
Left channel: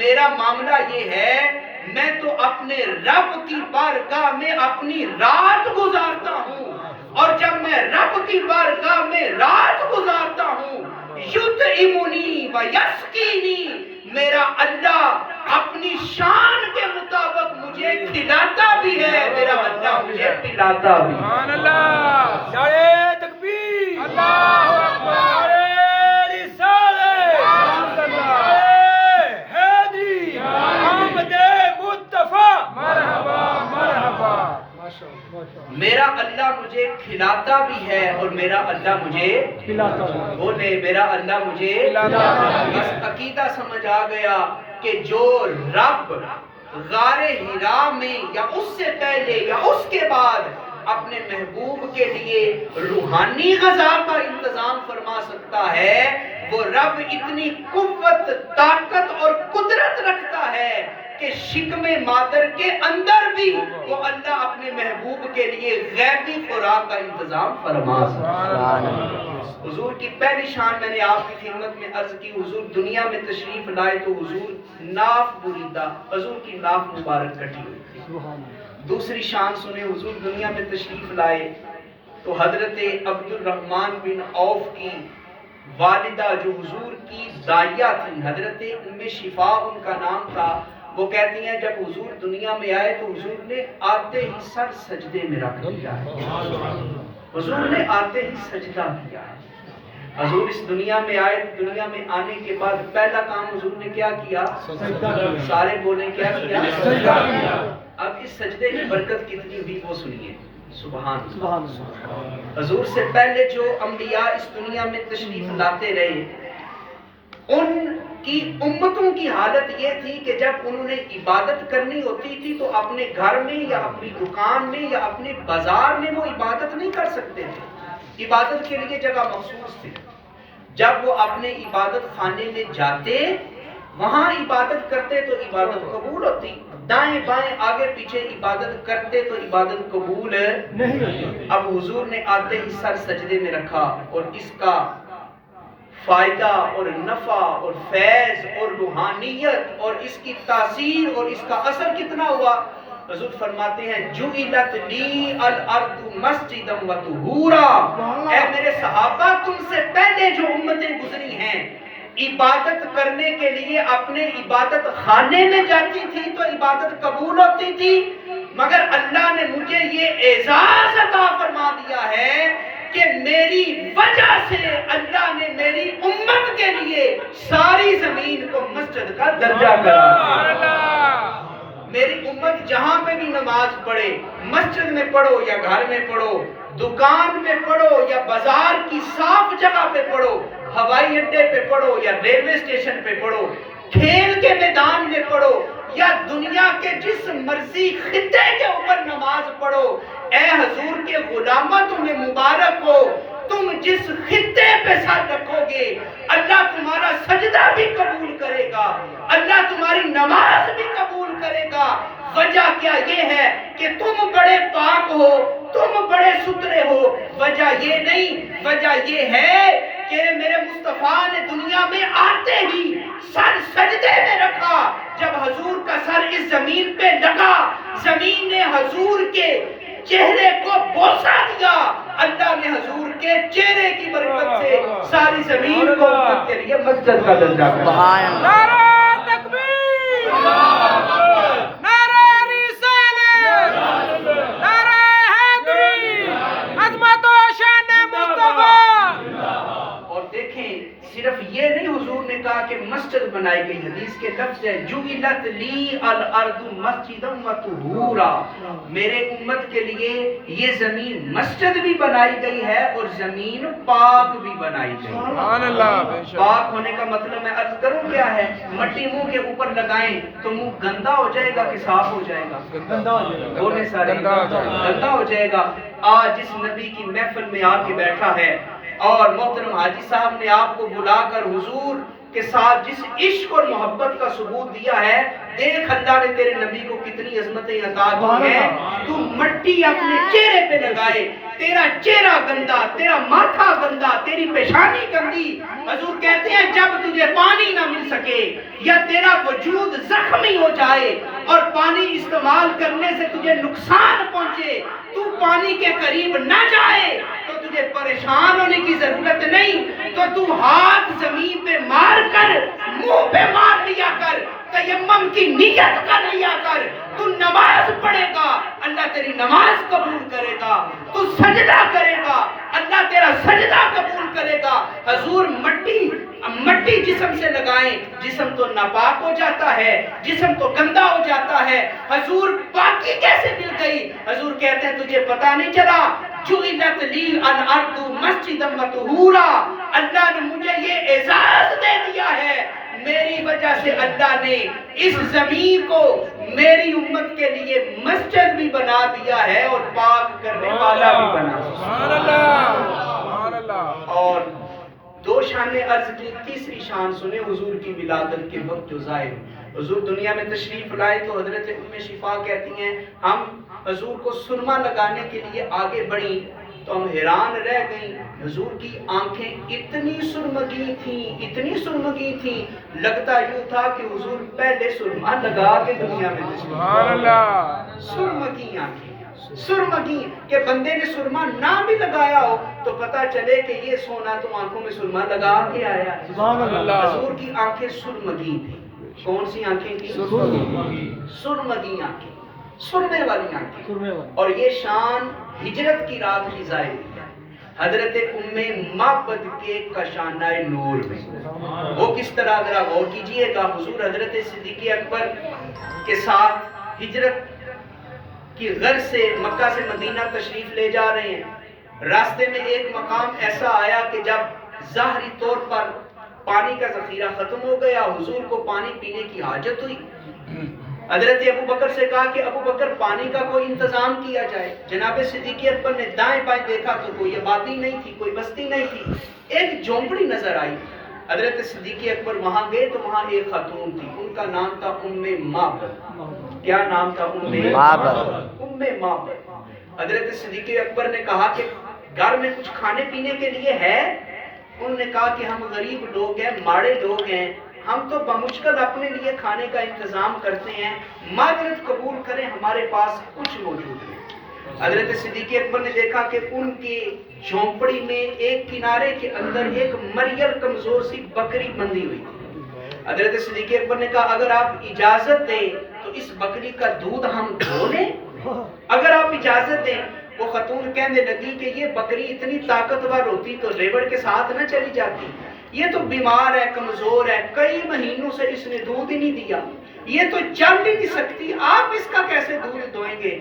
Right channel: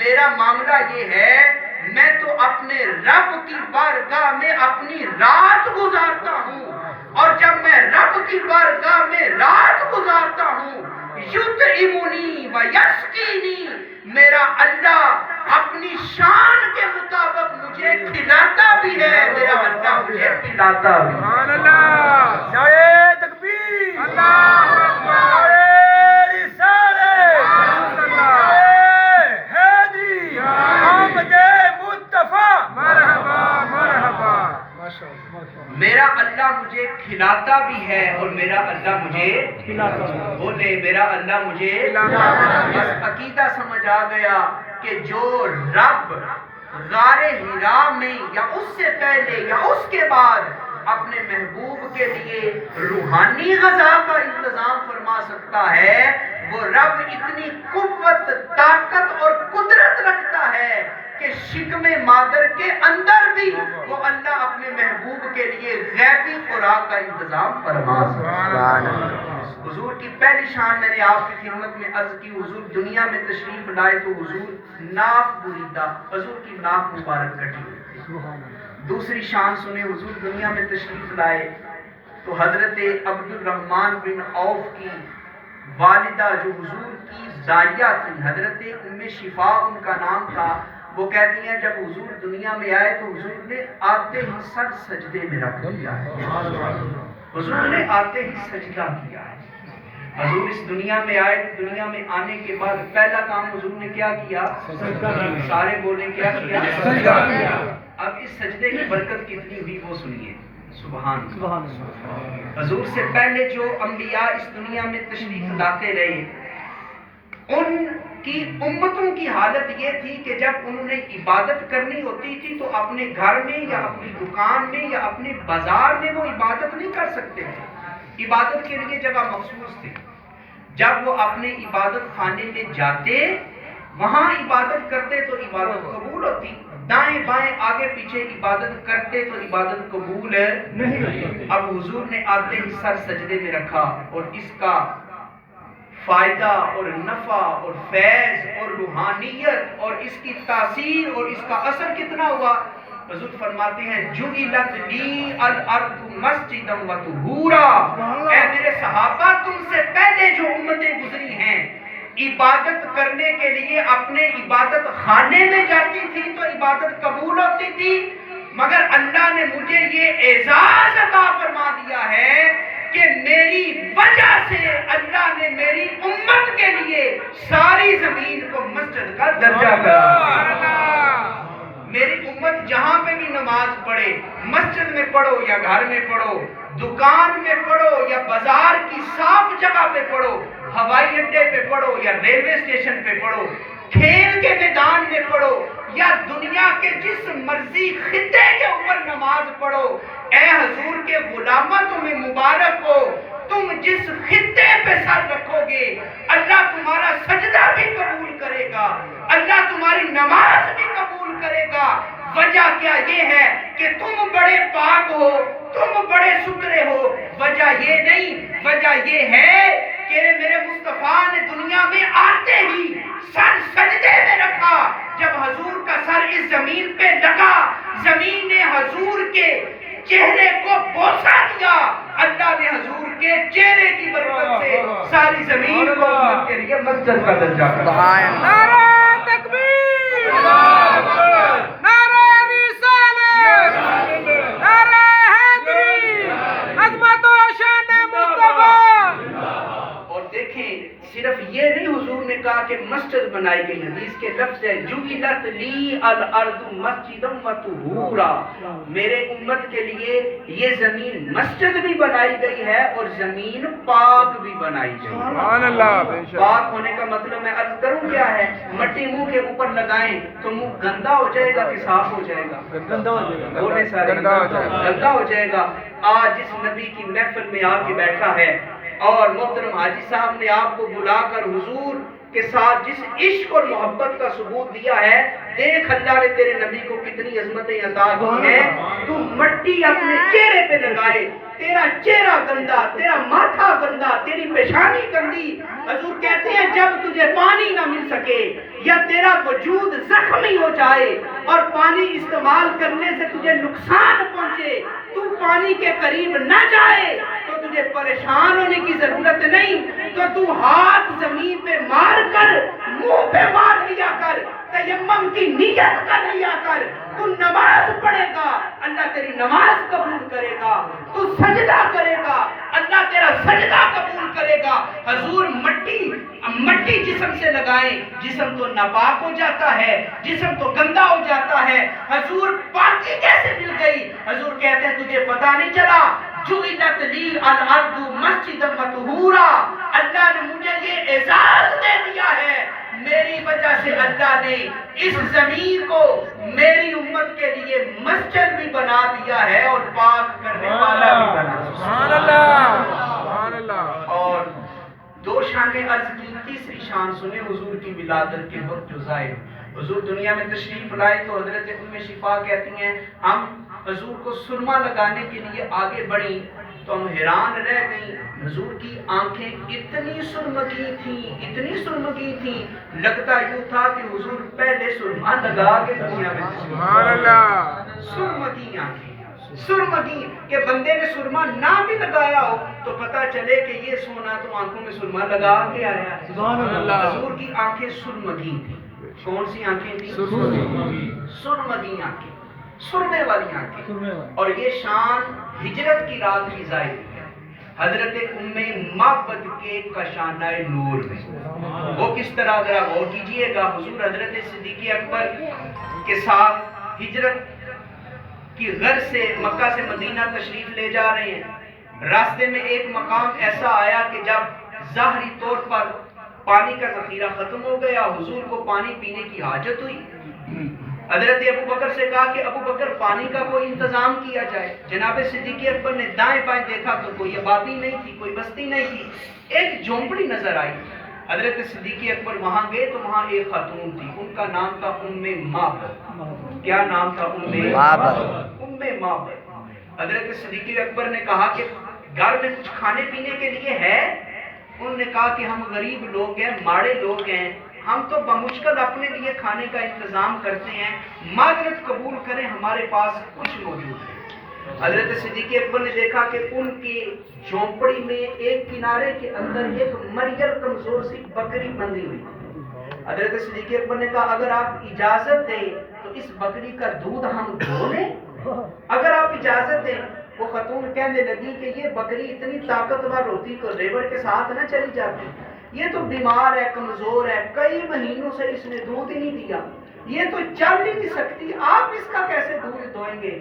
میرا معاملہ یہ ہے میں تو اپنے رب کی بارگاہ میں اپنی رات گزارتا ہوں، اور جب میں رب کی بارگاہ میں رات گزارتا ہوں یطعمنی و یسقینی، میرا اللہ اپنی شان کے مطابق مجھے کھلاتا بھی ہے، میرا اللہ مجھے پلاتا بھی ہے۔ سبحان اللہ۔ نعرہ تکبیر، اللہ اکبر، نعرہ رسالت، نعرہ حیدری، آمد مصطفیٰ، مرحبا مرحبا۔ میرا اللہ مجھے کھلاتا بھی ہے اور میرا اللہ مجھے بولے میرا اللہ مجھے بس عقیدہ سمجھ آ گیا کہ جو رب غار حرا میں یا اس سے پہلے یا اس کے بعد اپنے محبوب کے لیے روحانی غذا کا انتظام فرما سکتا ہے، وہ رب اتنی قوت طاقت اور قدرت رکھتا ہے کہ شکم مادر کے اندر بھی وہ اللہ اپنے محبوب کے لیے غیبی خوراک کا انتظام فرما سکتا ہے۔ حضور کی پہلی شان میں نے آپ کی خدمت میں عرض کی، حضور دنیا میں تشریف لائے تو حضور ناف بریدہ، حضور کی ناف مبارک کٹی ہوئی تھی۔ دوسری شان سنیں، حضور دنیا میں تشریف لائے تو حضرت عبد الرحمن بن عوف کی والدہ جو حضور کی داعیہ تھی، حضرت ام شفا ان کا نام تھا، وہ کہتی ہیں جب حضور دنیا میں آئے تو حضور نے آتے ہی سر سجدے میں رکھ دیا ہے، حضور نے آتے ہی سجدہ کیا ہے۔ حضور اس دنیا میں آئے، دنیا میں آنے کے بعد پہلا کام حضور نے کیا کیا؟ سجدہ کیا۔ سارے بولیں کیا کیا؟ سجدہ کیا۔ اب اس سجدے کی برکت کتنی ہوئی وہ سنیے، سبحان اللہ۔ سبحان اللہ۔ حضور سے پہلے جو انبیاء اس دنیا میں تشریف لاتے رہے، ان کی امتوں کی حالت یہ تھی کہ جب انہوں نے عبادت کرنی ہوتی تھی تو اپنے گھر میں یا اپنی دکان میں یا اپنے بازار میں وہ عبادت نہیں کر سکتے تھے، عبادت کے لیے جگہ مخصوص تھی۔ جب وہ اپنے عبادت خانے میں جاتے، وہاں عبادت کرتے تو عبادت قبول ہوتی، دائیں بائیں آگے پیچھے عبادت کرتے تو عبادت قبول نہیں ہوتی۔ اب حضور نے آتے ہی سر سجدے میں رکھا، اور اس کا فائدہ اور نفع اور فیض اور روحانیت اور اس کی تاثیر اور اس کا اثر کتنا ہوا؟ حضور فرماتے ہیں جُعِلَتْ لِی الْأَرْضُ مَسْجِدًا وَطُہُورًا، اے میرے صحابہ تم سے پہلے جو امتیں گزری ہیں عبادت کرنے کے لیے اپنے عبادت خانے میں جاتی تھی تو عبادت قبول ہوتی تھی، مگر اللہ نے مجھے یہ اعزاز عطا فرما دیا ہے کہ میری وجہ سے اللہ نے میری امت کے لیے ساری زمین کو مسجد کا درجہ قرار دیا۔ میری امت جہاں پہ بھی نماز پڑھے، مسجد میں پڑھو یا گھر میں پڑھو، دکان میں پڑھو یا بازار کی صاف جگہ پہ پڑھو، ہوائی اڈے پہ پڑھو یا ریلوے اسٹیشن پہ پڑھو، کھیل کے میدان میں پڑھو یا دنیا کے جس مرضی خطے کے اوپر نماز پڑھو، اے حضور کے غلاموں تمہیں مبارک ہو، تم جس خطے پہ سر رکھو گے اللہ تمہارا سجدہ بھی قبول کرے گا، اللہ تمہاری نماز بھی قبول کرے گا۔ وجہ کیا یہ ہے کہ تم بڑے پاک ہو، تم بڑے ستھرے ہو، وجہ یہ نہیں، وجہ یہ ہے کہ میرے مصطفیٰ نے دنیا میں آتے ہی سر سجدے میں رکھا۔ جب حضور کا سر اس زمین پہ لگا، زمین نے حضور کے چہرے کو بوسہ دیا، اللہ نے حضور کے چہرے کی برکت سے ساری زمین کو امت کے لیے مسجد کا درجہ دیا۔ نعرہ تکبیر، نعرہ رسالت، نعرہ حیدری، عظمت و شان مصطفیٰ۔ اور دیکھیں صرف یہ نہیں حضور نے کہا کہ مسجد بنائی گئی، حدیث کے لفظ ہے جُعِلَتْ لِی الْأَرْضُ مَسْجِدًا وَطُہُورًا، میرے امت کے لیے یہ زمین مسجد بھی بنائی گئی ہے اور زمین پاک بھی بنائی گئی ہے۔ سبحان اللہ، بے شک۔ پاک ہونے کا مطلب میں عرض کروں کیا ہے؟ مٹی منہ کے اوپر لگائیں تو منہ گندا ہو جائے گا کہ صاف ہو جائے گا؟ گندا ہو جائے گا۔ بولے سارے گندا ہو جائے گا۔ گندا ہو جائے گا۔ آج جس نبی کی محفل میں آ کے بیٹھا ہے اور محترم حاجی صاحب نے آپ کو بلا کر حضور کے ساتھ جس عشق اور محبت کا ثبوت دیا ہے، دیکھ اللہ نے تیرے نبی کو کتنی عظمتیں عطا کی ہیں، تو مٹی اپنے چہرے پہ لگائے، تیرا چہرہ گندا، تیرا ماتھا گندا، تیری پیشانی گندی، حضور کہتے ہیں جب تجھے پانی نہ مل سکے یا تیرا وجود زخمی ہو جائے اور پانی استعمال کرنے سے تجھے نقصان پہنچے، تو پانی کے قریب نہ جائے تو تجھے پریشان ہونے کی ضرورت نہیں، تو ہاتھ زمین پہ مار کر منہ پہ مار لیا کر، تیمم کی نیت کر لیا کر، تو نماز پڑھے گا اللہ تیری نماز قبول کرے گا، تو سجدہ کرے گا اللہ تیرا سجدہ قبول کرے گا۔ حضور مٹی جسم سے لگائیں، جسم تو ناپاک ہو جاتا ہے، جسم تو گندا ہو جاتا ہے، حضور پاکی کیسے مل گئی؟ حضور کہتے ہیں تجھے پتہ نہیں چلا جُعِلَتْ لِی الْأَرْضُ مَسْجِدًا وَطُہُورًا، اللہ نے مجھے یہ اعزاز دے دیا ہے، میری وجہ سے اللہ نے اس زمین کو میری امت کے لیے مسجد بھی بنا دیا ہے اور پاک کرنے والا بھی بنا دیا۔ سبحان اللہ، سبحان اللہ۔ اور دو شانیں عرض کی، تیسری شان سنیں حضور کی ولادت کے وقت جو ظاہر، حضور دنیا میں تشریف لائے تو حضرت ام شفا کہتی ہیں ہم حضور کو سرما لگانے کے لیے آگے بڑھیں تو ہم حیران رہ گئیں، حضور کی آنکھیں اتنی سرمگی تھیں لگتا یوں تھا کہ حضور پہلے سرما لگا کے دنیا میں تشریف سبحان اللہ۔ سرمگی آنکھیں، سرمگی کہ بندے نے سرما نہ بھی لگایا ہو تو پتہ چلے کہ یہ سونا تو آنکھوں میں سرما لگا کے آیا ہے۔ سبحان اللہ۔ حضور کی آنکھیں سرمگی تھیں۔ کون سی آنکھیں تھیں؟ سرمگی آنکھیں، سرمے والی آنکھیں۔ اور یہ شان ہجرت کی رات کی ظاہر ہے۔ حضرت معبد کے کشانہ نور میں. وہ کس طرح ذرا غور کیجئے گا. حضور حضرت صدیق اکبر کے ساتھ ہجرت کی غرض سے مکہ سے مدینہ تشریف لے جا رہے ہیں. راستے میں ایک مقام ایسا آیا کہ جب ظاہری طور پر پانی کا ذخیرہ ختم ہو گیا, حضور کو پانی پینے کی حاجت ہوئی. حضرت ابو بکر سے کہا کہ ابو بکر پانی کا کوئی انتظام کیا جائے. جناب صدیق اکبر نے دائیں بائیں دیکھا تو کوئی آبادی نہیں تھی, کوئی بستی نہیں تھی. ایک جھونپڑی نظر آئی. حضرت صدیق اکبر وہاں گئے تو وہاں ایک خاتون تھی, ان کا نام تھا معبد. کیا نام تھا؟ معبد. حضرت صدیق اکبر نے کہا کہ گھر میں کچھ کھانے پینے کے لیے ہے؟ انہوں نے کہا کہ ہم غریب لوگ ہیں, ماڑے لوگ ہیں, ہم تو بمشکل اپنے لیے کھانے کا انتظام کرتے ہیں, معذرت قبول کریں, ہمارے پاس کچھ موجود ہے. حضرت صدیق اکبر نے دیکھا کہ ان کی جھونپڑی میں ایک کنارے کے اندر ایک مریل کمزور سی بکری بندھی ہوئی تھی. حضرت صدیق اکبر نے کہا اگر آپ اجازت دیں تو اس بکری کا دودھ ہم دھو لیں. اگر آپ اجازت دیں. وہ خاتون کہنے لگی کہ یہ بکری اتنی طاقتور ہوتی تو ریوڑ کے ساتھ نہ چلی جاتی, یہ تو بیمار ہے, کمزور ہے, کئی مہینوں سے اس نے دودھ ہی نہیں دیا, یہ تو چل ہی نہیں سکتی, آپ اس کا کیسے دودھ دھوئیں گے؟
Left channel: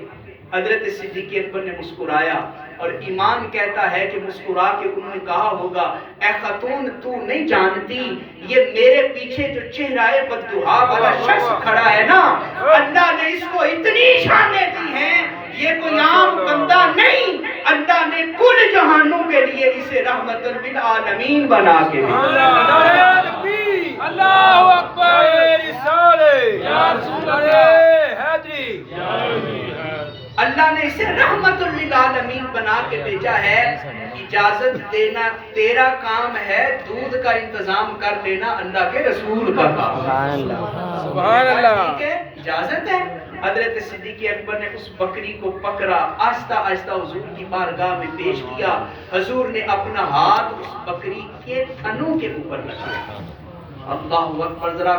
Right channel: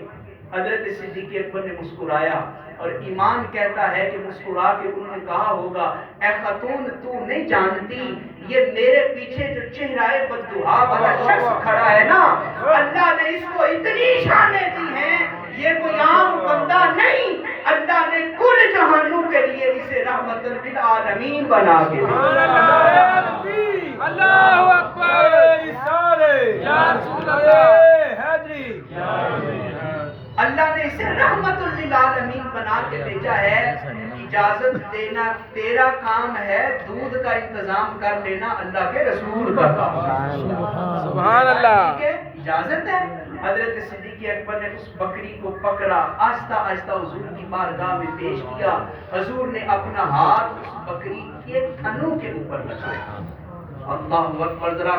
حضرت صدیق اکبر نے مسکرایا, اور ایمان کہتا ہے کہ مسکرا کے انہوں نے کہا ہوگا اے خاتون تو نہیں جانتی یہ میرے پیچھے جو چہرہ بددعا والا شخص کھڑا ہے نا, اللہ نے اس کو اتنی شانیں دی ہیں, یہ کوئی عام بندہ نہیں, اللہ نے کل جہانوں کے لیے اسے رحمت للعالمین بنا کے اللہ اکبر. یا رسول اللہ حاضری. اللہ نے اسے رحمت للعالمین بنا کے بھیجا ہے. اجازت دینا تیرا کام ہے, دودھ کا انتظام کر لینا اللہ کے رسول کا کام. سبحان اللہ. اجازت ہے. حضرت صدیق اکبر نے اس بکری کو پکڑا, آہستہ آہستہ حضور کی بارگاہ میں پیش کیا. حضور نے اپنا ہاتھ اس بکری کے تھنوں کے اوپر لگایا. اللہ اکبر. ذرا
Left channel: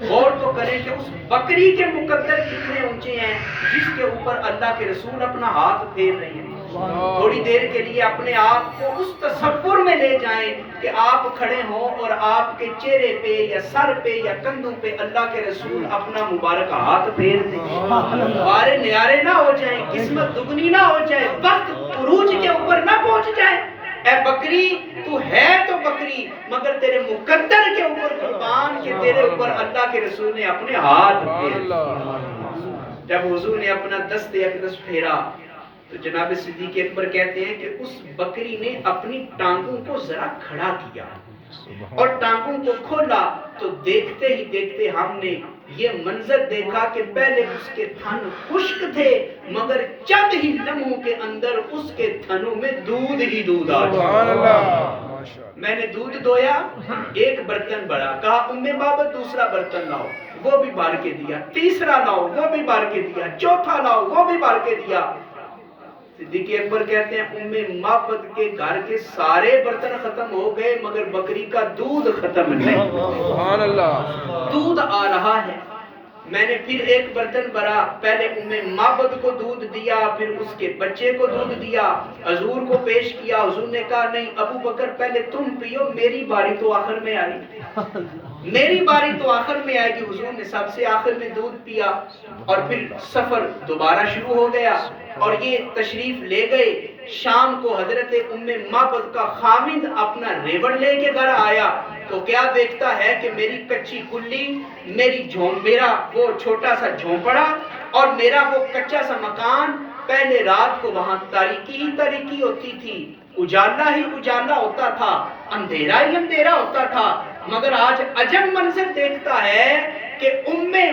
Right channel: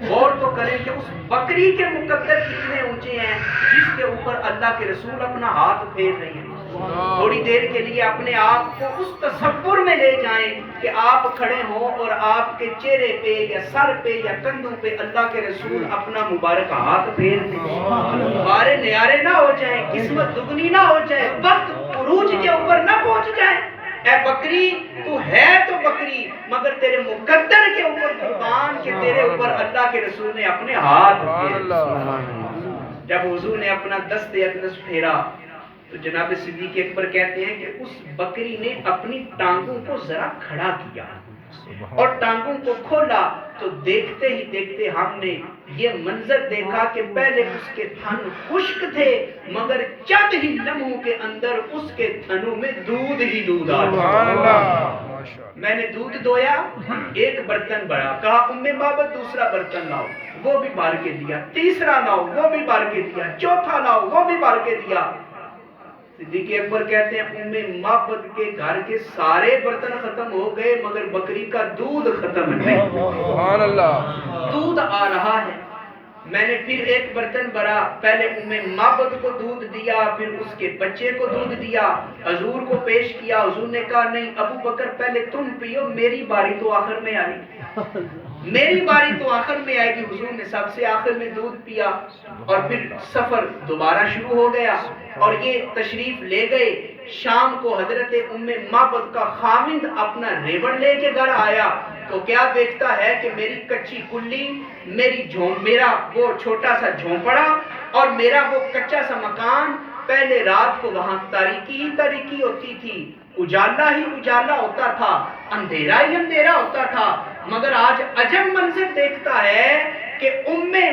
غور تو کریں کہ اس بکری کے مقدر کتنے اونچے ہیں جس کے اوپر اللہ کے رسول اپنا ہاتھ پھیر رہے ہیں. تھوڑی دیر کے لیے اپنے آپ کو اس تصور میں لے جائیں کہ آپ کھڑے ہوں اور آپ کے چہرے پہ یا سر پہ یا کندھوں پہ اللہ کے رسول اپنا مبارک ہاتھ پھیر دیں. بارے نیارے نہ ہو جائیں, قسمت دگنی نہ ہو جائے, وقت عروج کے اوپر نہ پہنچ جائے. اے بکری تو ہے تو بکری, مگر تیرے مقدر کے اوپر قربان کہ تیرے اوپر اللہ کے رسول نے اپنے ہاتھ پھیرے. جب حضور نے اپنا دست اقدس پھیرا تو جناب صدیق اکبر کہتے ہیں کہ اس بکری نے اپنی ٹانگوں کو ذرا کھڑا کیا اور ٹانگوں کو کھولا تو دیکھتے ہی دیکھتے ہم نے یہ منظر دیکھا کہ پہلے اس کے تھن خشک تھے, مگر چند ہی لمحوں کے اندر اس کے تھنوں میں دودھ ہی دودھ آ گیا. میں نے دودھ دویا, ایک برتن بڑا, کہا معبد دوسرا برتن لاؤ, وہ بھی بھر کے دیا, تیسرا لاؤ, وہ بھی بھر کے دیا, چوتھا لاؤ, وہ بھی بھر کے دیا. صدیق اکبر کہتے ہیں معبد کے گھر کے سارے برتن ختم ہو گئے مگر بکری کا دودھ ختم نہیں. سبحان اللہ. دودھ آ رہا ہے. میں نے پھر ایک برتن بھرا, پہلے معبد کو دودھ دیا, پھر اس کے بچے کو دودھ دیا, حضور کو پیش کیا. حضور نے کہا نہیں ابو بکر پہلے تم پیو, میری باری تو آخر میں آئی, میری باری تو آخر میں آئے گی. حضور نے سب سے آخر میں دودھ پیا اور پھر سفر دوبارہ شروع ہو گیا اور یہ تشریف لے گئے. شام کو حضرت معبد کا خامند اپنا ریوڑ لے کے گھر آیا تو کیا دیکھتا ہے کہ میری کچی کلی, میرا وہ چھوٹا سا جھونپڑا اور میرا وہ کچا سا مکان. پہلے رات کو وہاں تاریکی ہی تاریکی ہوتی تھی, اجالا ہی اجالا ہوتا تھا, اندھیرا ہی اندھیرا ہوتا تھا, مگر آج عجب منظر دیکھتا ہے کہ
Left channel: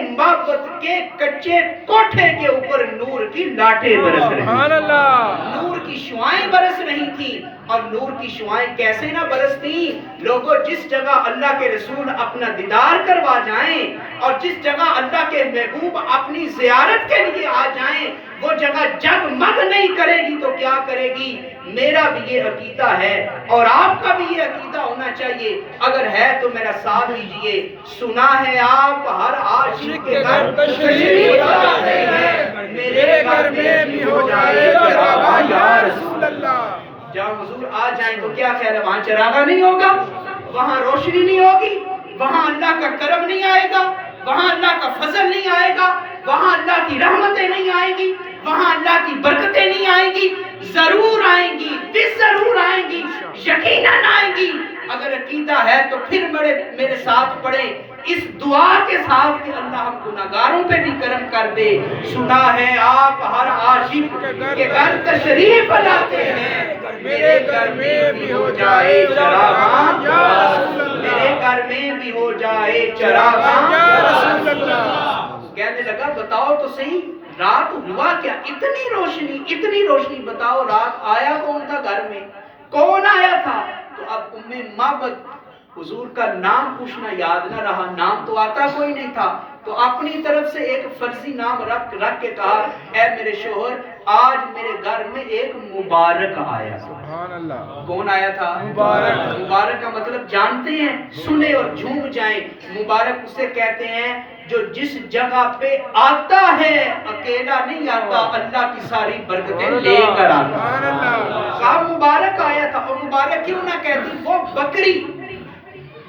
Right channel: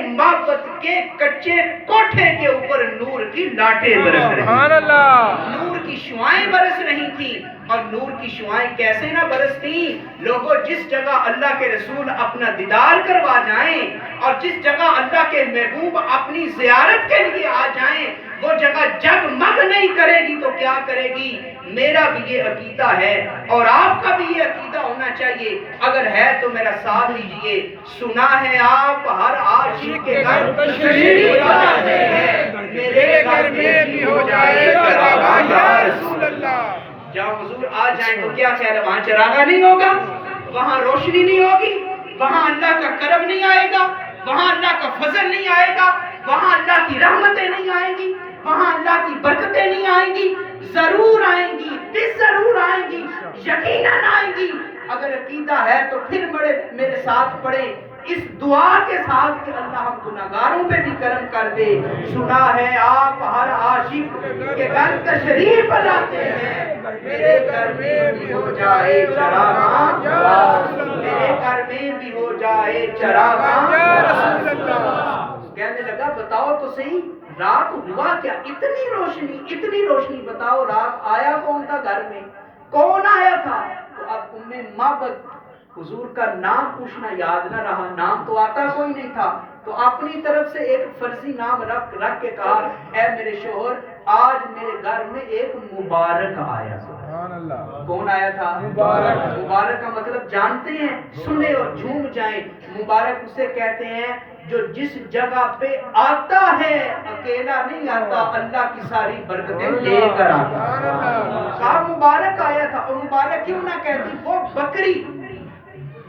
معبد کے کچے کوٹھے کے اوپر نور کی لاٹیں برس رہی تھیں. نور کی شعائیں برس رہی تھی. اور نور کی شعائیں کیسے نہ برستی لوگوں, جس جگہ اللہ کے رسول اپنا دیدار کروا جائیں اور جس جگہ اللہ کے محبوب اپنی زیارت کے لیے آ جائیں وہ جگہ جگمگ نہیں کرے گی تو کیا کرے گی. میرا بھی یہ عقیدہ ہے اور آپ کا بھی یہ عقیدہ ہونا چاہیے. اگر ہے تو میرا ساتھ دیجیے. سنا ہے آپ ہر عاشق کے گھر تشریف لاتے ہیں, میرے گھر میں بھی ہو جائے یا رسول اللہ. جب حضور آ جائیں تو کیا خیال ہے وہاں چراغا نہیں ہوگا، وہاں روشنی نہیں ہوگی، وہاں اللہ کا کرم نہیں آئے گا، وہاں اللہ کا فضل نہیں آئے گا، وہاں اللہ کی رحمتیں نہیں آئیں گی، وہاں اللہ کی برکتیں نہیں آئیں گی؟ ضرور آئیں گی، ضرور آئیں گی، یقیناً آئیں گی۔ اگر عقیدہ ہے تو پھر میرے ساتھ پڑھیں اس دعا کے ساتھ کہ اللہ ہم گناہگاروں پہ بھی کرم کر دے۔ سنا ہے آپ ہر عاشق کے گھر تشریف لاتے ہیں، میرے گھر میں بھی ہو جائے چراغاں، میرے گھر میں بھی ہو جائے چراغاں۔ کہنے لگا بتاؤ تو صحیح رات ہوا کیا؟ اتنی روشنی بتاؤ رات آیا کون تھا گھر میں؟ کون آیا تھا؟ تو اب معبد حضور کا نام پوچھنا یاد نہ رہا، نام تو آتا کوئی نہیں تھا، تو اپنی طرف سے ایک فرضی نام رکھ کے کہا اے میرے شوہر آج میرے گھر میں ایک مبارک آیا تھا۔ کون آیا تھا؟ مبارک کا مطلب جانتے ہیں؟ سنے اور جھوم جائیں۔ مبارک اسے کہتے ہیں جو جس جگہ پہ آتا ہے اکیلا نہیں آتا، اللہ کی ساری برکتیں لے کر آتا۔ کہا مبارک آیا تھا، اور مبارک کیوں نہ کہتی؟ وہ بکری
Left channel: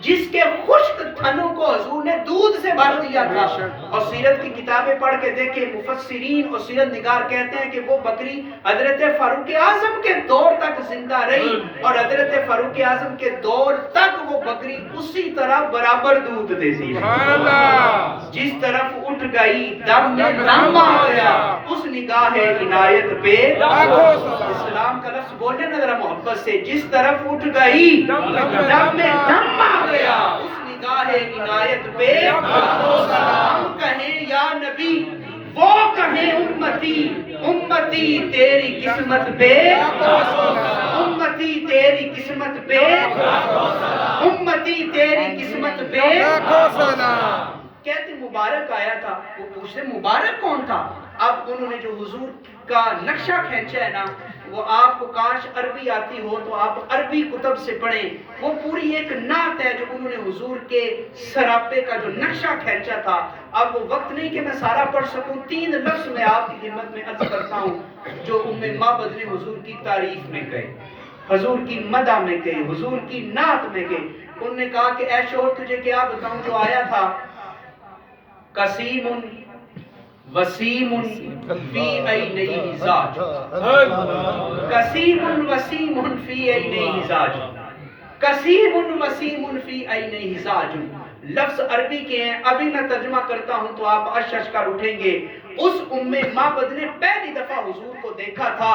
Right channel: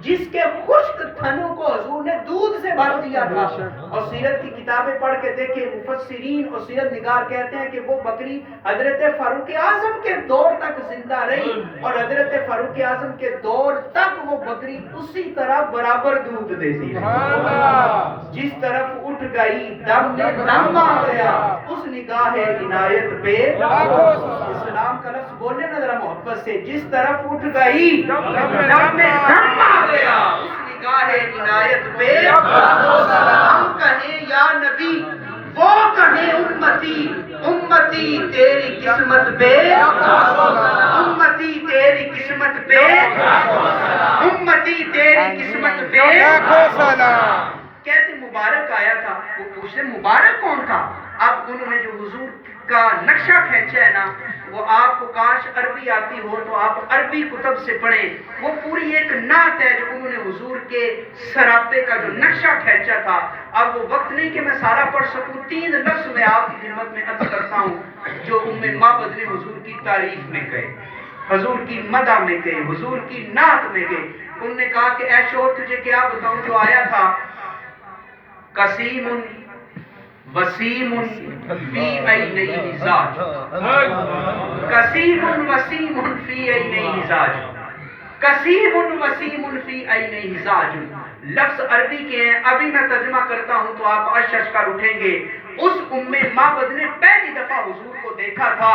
جس کے خشک تھنوں کو حضور نے دودھ سے بھر دیا تھا، اور سیرت کی کتابیں پڑھ کے دیکھیں مفسرین اور سیرت نگار کہتے ہیں کہ وہ بکری حضرت فاروق اعظم کے دور تک زندہ رہی، اور حضرت فاروق اعظم کے دور تک وہ بکری اسی طرح برابر دودھ دیتی ہے۔ جس طرف اٹھ گئی دم میں دم آ گیا، اس نگاہ عنایت پہ اسلام کا لفظ بولنے نہ ذرا محبت سے، جس طرف اٹھ گئی دم میں دم آ گیا، اس نگاہ عنایت پہ ہم کہیں یا نبی، وہ کہیں امتی، امتی تیری قسمت پہ، امتی تیری قسمت پہ، امتی تیری قسمت پہ۔ کہتے مبارک آیا تھا، وہ پوچھتے مبارک کون تھا؟ اب انہوں نے جو حضور کا نقشہ کھینچا ہے نا، وہ آپ کو کاش عربی آتی ہو تو آپ عربی کتب سے پڑھیں، وہ پوری ایک نعت ہے جو انہوں نے حضور کے سراپے کا جو نقشہ کھینچا تھا۔ اب وہ وقت نہیں کہ میں سارا پڑھ سکوں، 3 لفظ میں آپ کی خدمت میں عرض کرتا ہوں جو معبد نے حضور کی تعریف میں کہے، حضور کی مدح میں کہے، حضور کی نعت میں کہے۔ انہوں نے کہا کہ اے شور تجھے کیا بتاؤں جو آیا تھا، قسیم وسیم فی عینیہ مزاج، قسیم وسیم فی عینیہ مزاج، قسیم وسیم فی عینیہ مزاج۔ لفظ عربی کے ہیں، ابھی میں ترجمہ کرتا ہوں تو آپ اشش کر اٹھیں گے۔ اس معبد نے پہلی دفعہ حضور کو دیکھا تھا،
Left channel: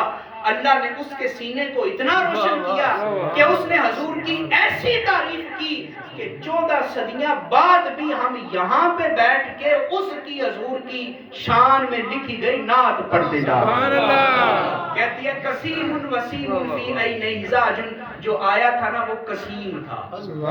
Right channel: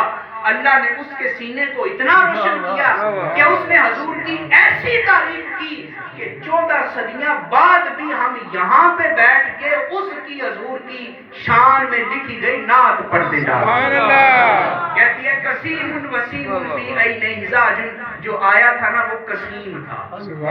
اللہ نے اس کے سینے کو اتنا روشن کیا کہ اس نے حضور کی ایسی تعریف کی کہ 14 صدیاں بعد بھی ہم یہاں پہ بیٹھ کے اس کی حضور کی شان میں لکھی گئی نعت پڑھتے جا رہے ہیں۔ کہتی ہے قسیم وسیم فی عینیہ مزاج، جو آیا تھا نا وہ قسیم تھا۔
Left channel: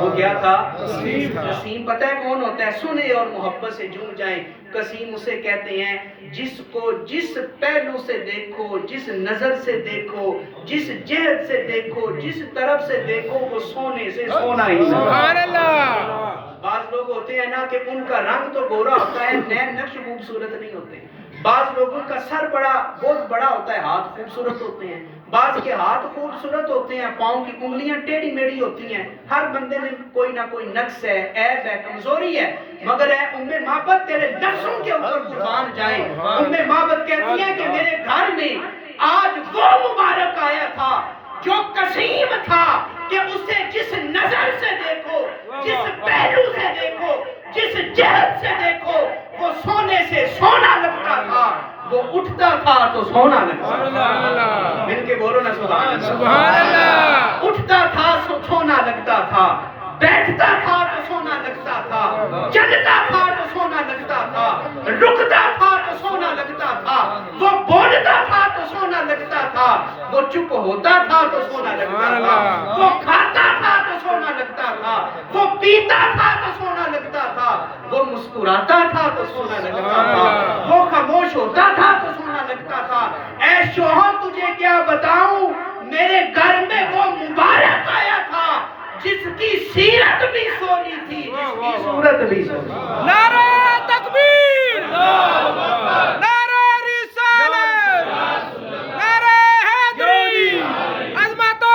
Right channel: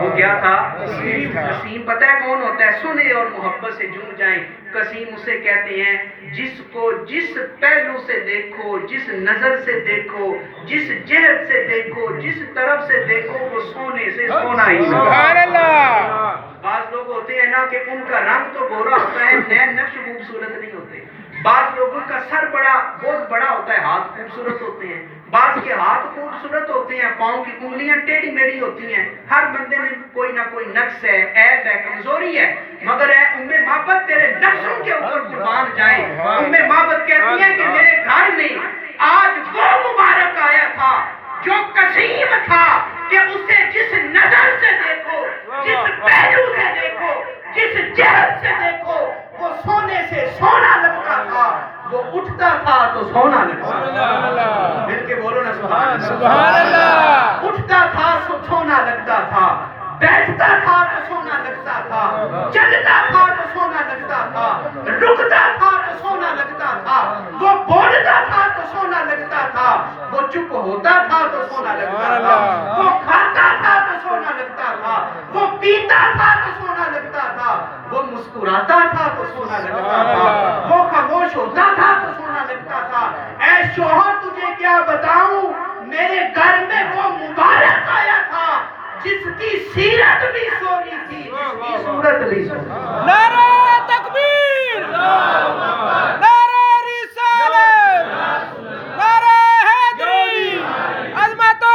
وہ کیا تھا؟ قسیم پتہ ہے کون ہوتا ہے؟ سنے اور محبت سے جھوم جائیں۔ قسیم اسے کہتے ہیں جس کو جس پہلو سے دیکھو، جس نظر سے دیکھو، جس جہت سے دیکھو، جس طرف سے دیکھو وہ سونے سے سونا ہی ہے۔ بعض لوگ ہوتے ہیں نا کہ ان کا رنگ تو گورا ہوتا ہے، نین نقش خوبصورت نہیں ہوتے۔ بعض لوگوں کا سر بہت بڑا ہوتا ہے، ہاتھ خوبصورت ہوتے ہیں۔ بعض کے ہاتھ خوبصورت ہوتے ہیں، پاؤں کی انگلیاں ٹیڑھی میڑھی ہوتی ہیں۔ ہر بندے میں کوئی نہ کوئی نقص ہے، عیب ہے، کمزوری ہے، مگر اے معبد تیرے لفظوں کے اوپر قربان جائیں۔ معبد کہتی ہے کہ میرے گھر میں آج وہ مبارک آیا تھا جو قسیم تھا کہ اسے جس نظر سے دیکھو، جس پہلو سے دیکھو، جس جہت سے دیکھو وہ سونے سے سونا لگتا تھا، وہ اٹھتا تھا تو سونا لگتا تھا۔ مل کے بولو نا سبحان اللہ۔ اٹھتا تھا تو سونا لگتا تھا، بیٹھتا تھا تو سونا لگتا تھا، چلتا تھا تو سونا لگتا تھا، رکتا تھا تو سونا لگتا تھا، وہ بولتا تھا تو سونا لگتا تھا، وہ چپ ہوتا تھا تو سونا لگتا تھا، وہ کھاتا تھا تو سونا لگتا تھا، وہ پیتا تھا تو سونا لگتا تھا، وہ مسکراتا تھا تو سونا لگتا تھا، وہ خاموش ہوتا تھا تو سونا لگتا تھا۔ اے شوہر تجھے کیا بتاؤں، میرے گھر میں وہ مبارک آیا تھا جس کی سیرت بھی سونی تھی، جس کی صورت بھی سونی تھی۔ نعرہ تکبیر، نعرہ رسالت، نعرہ حیدری، عظمت و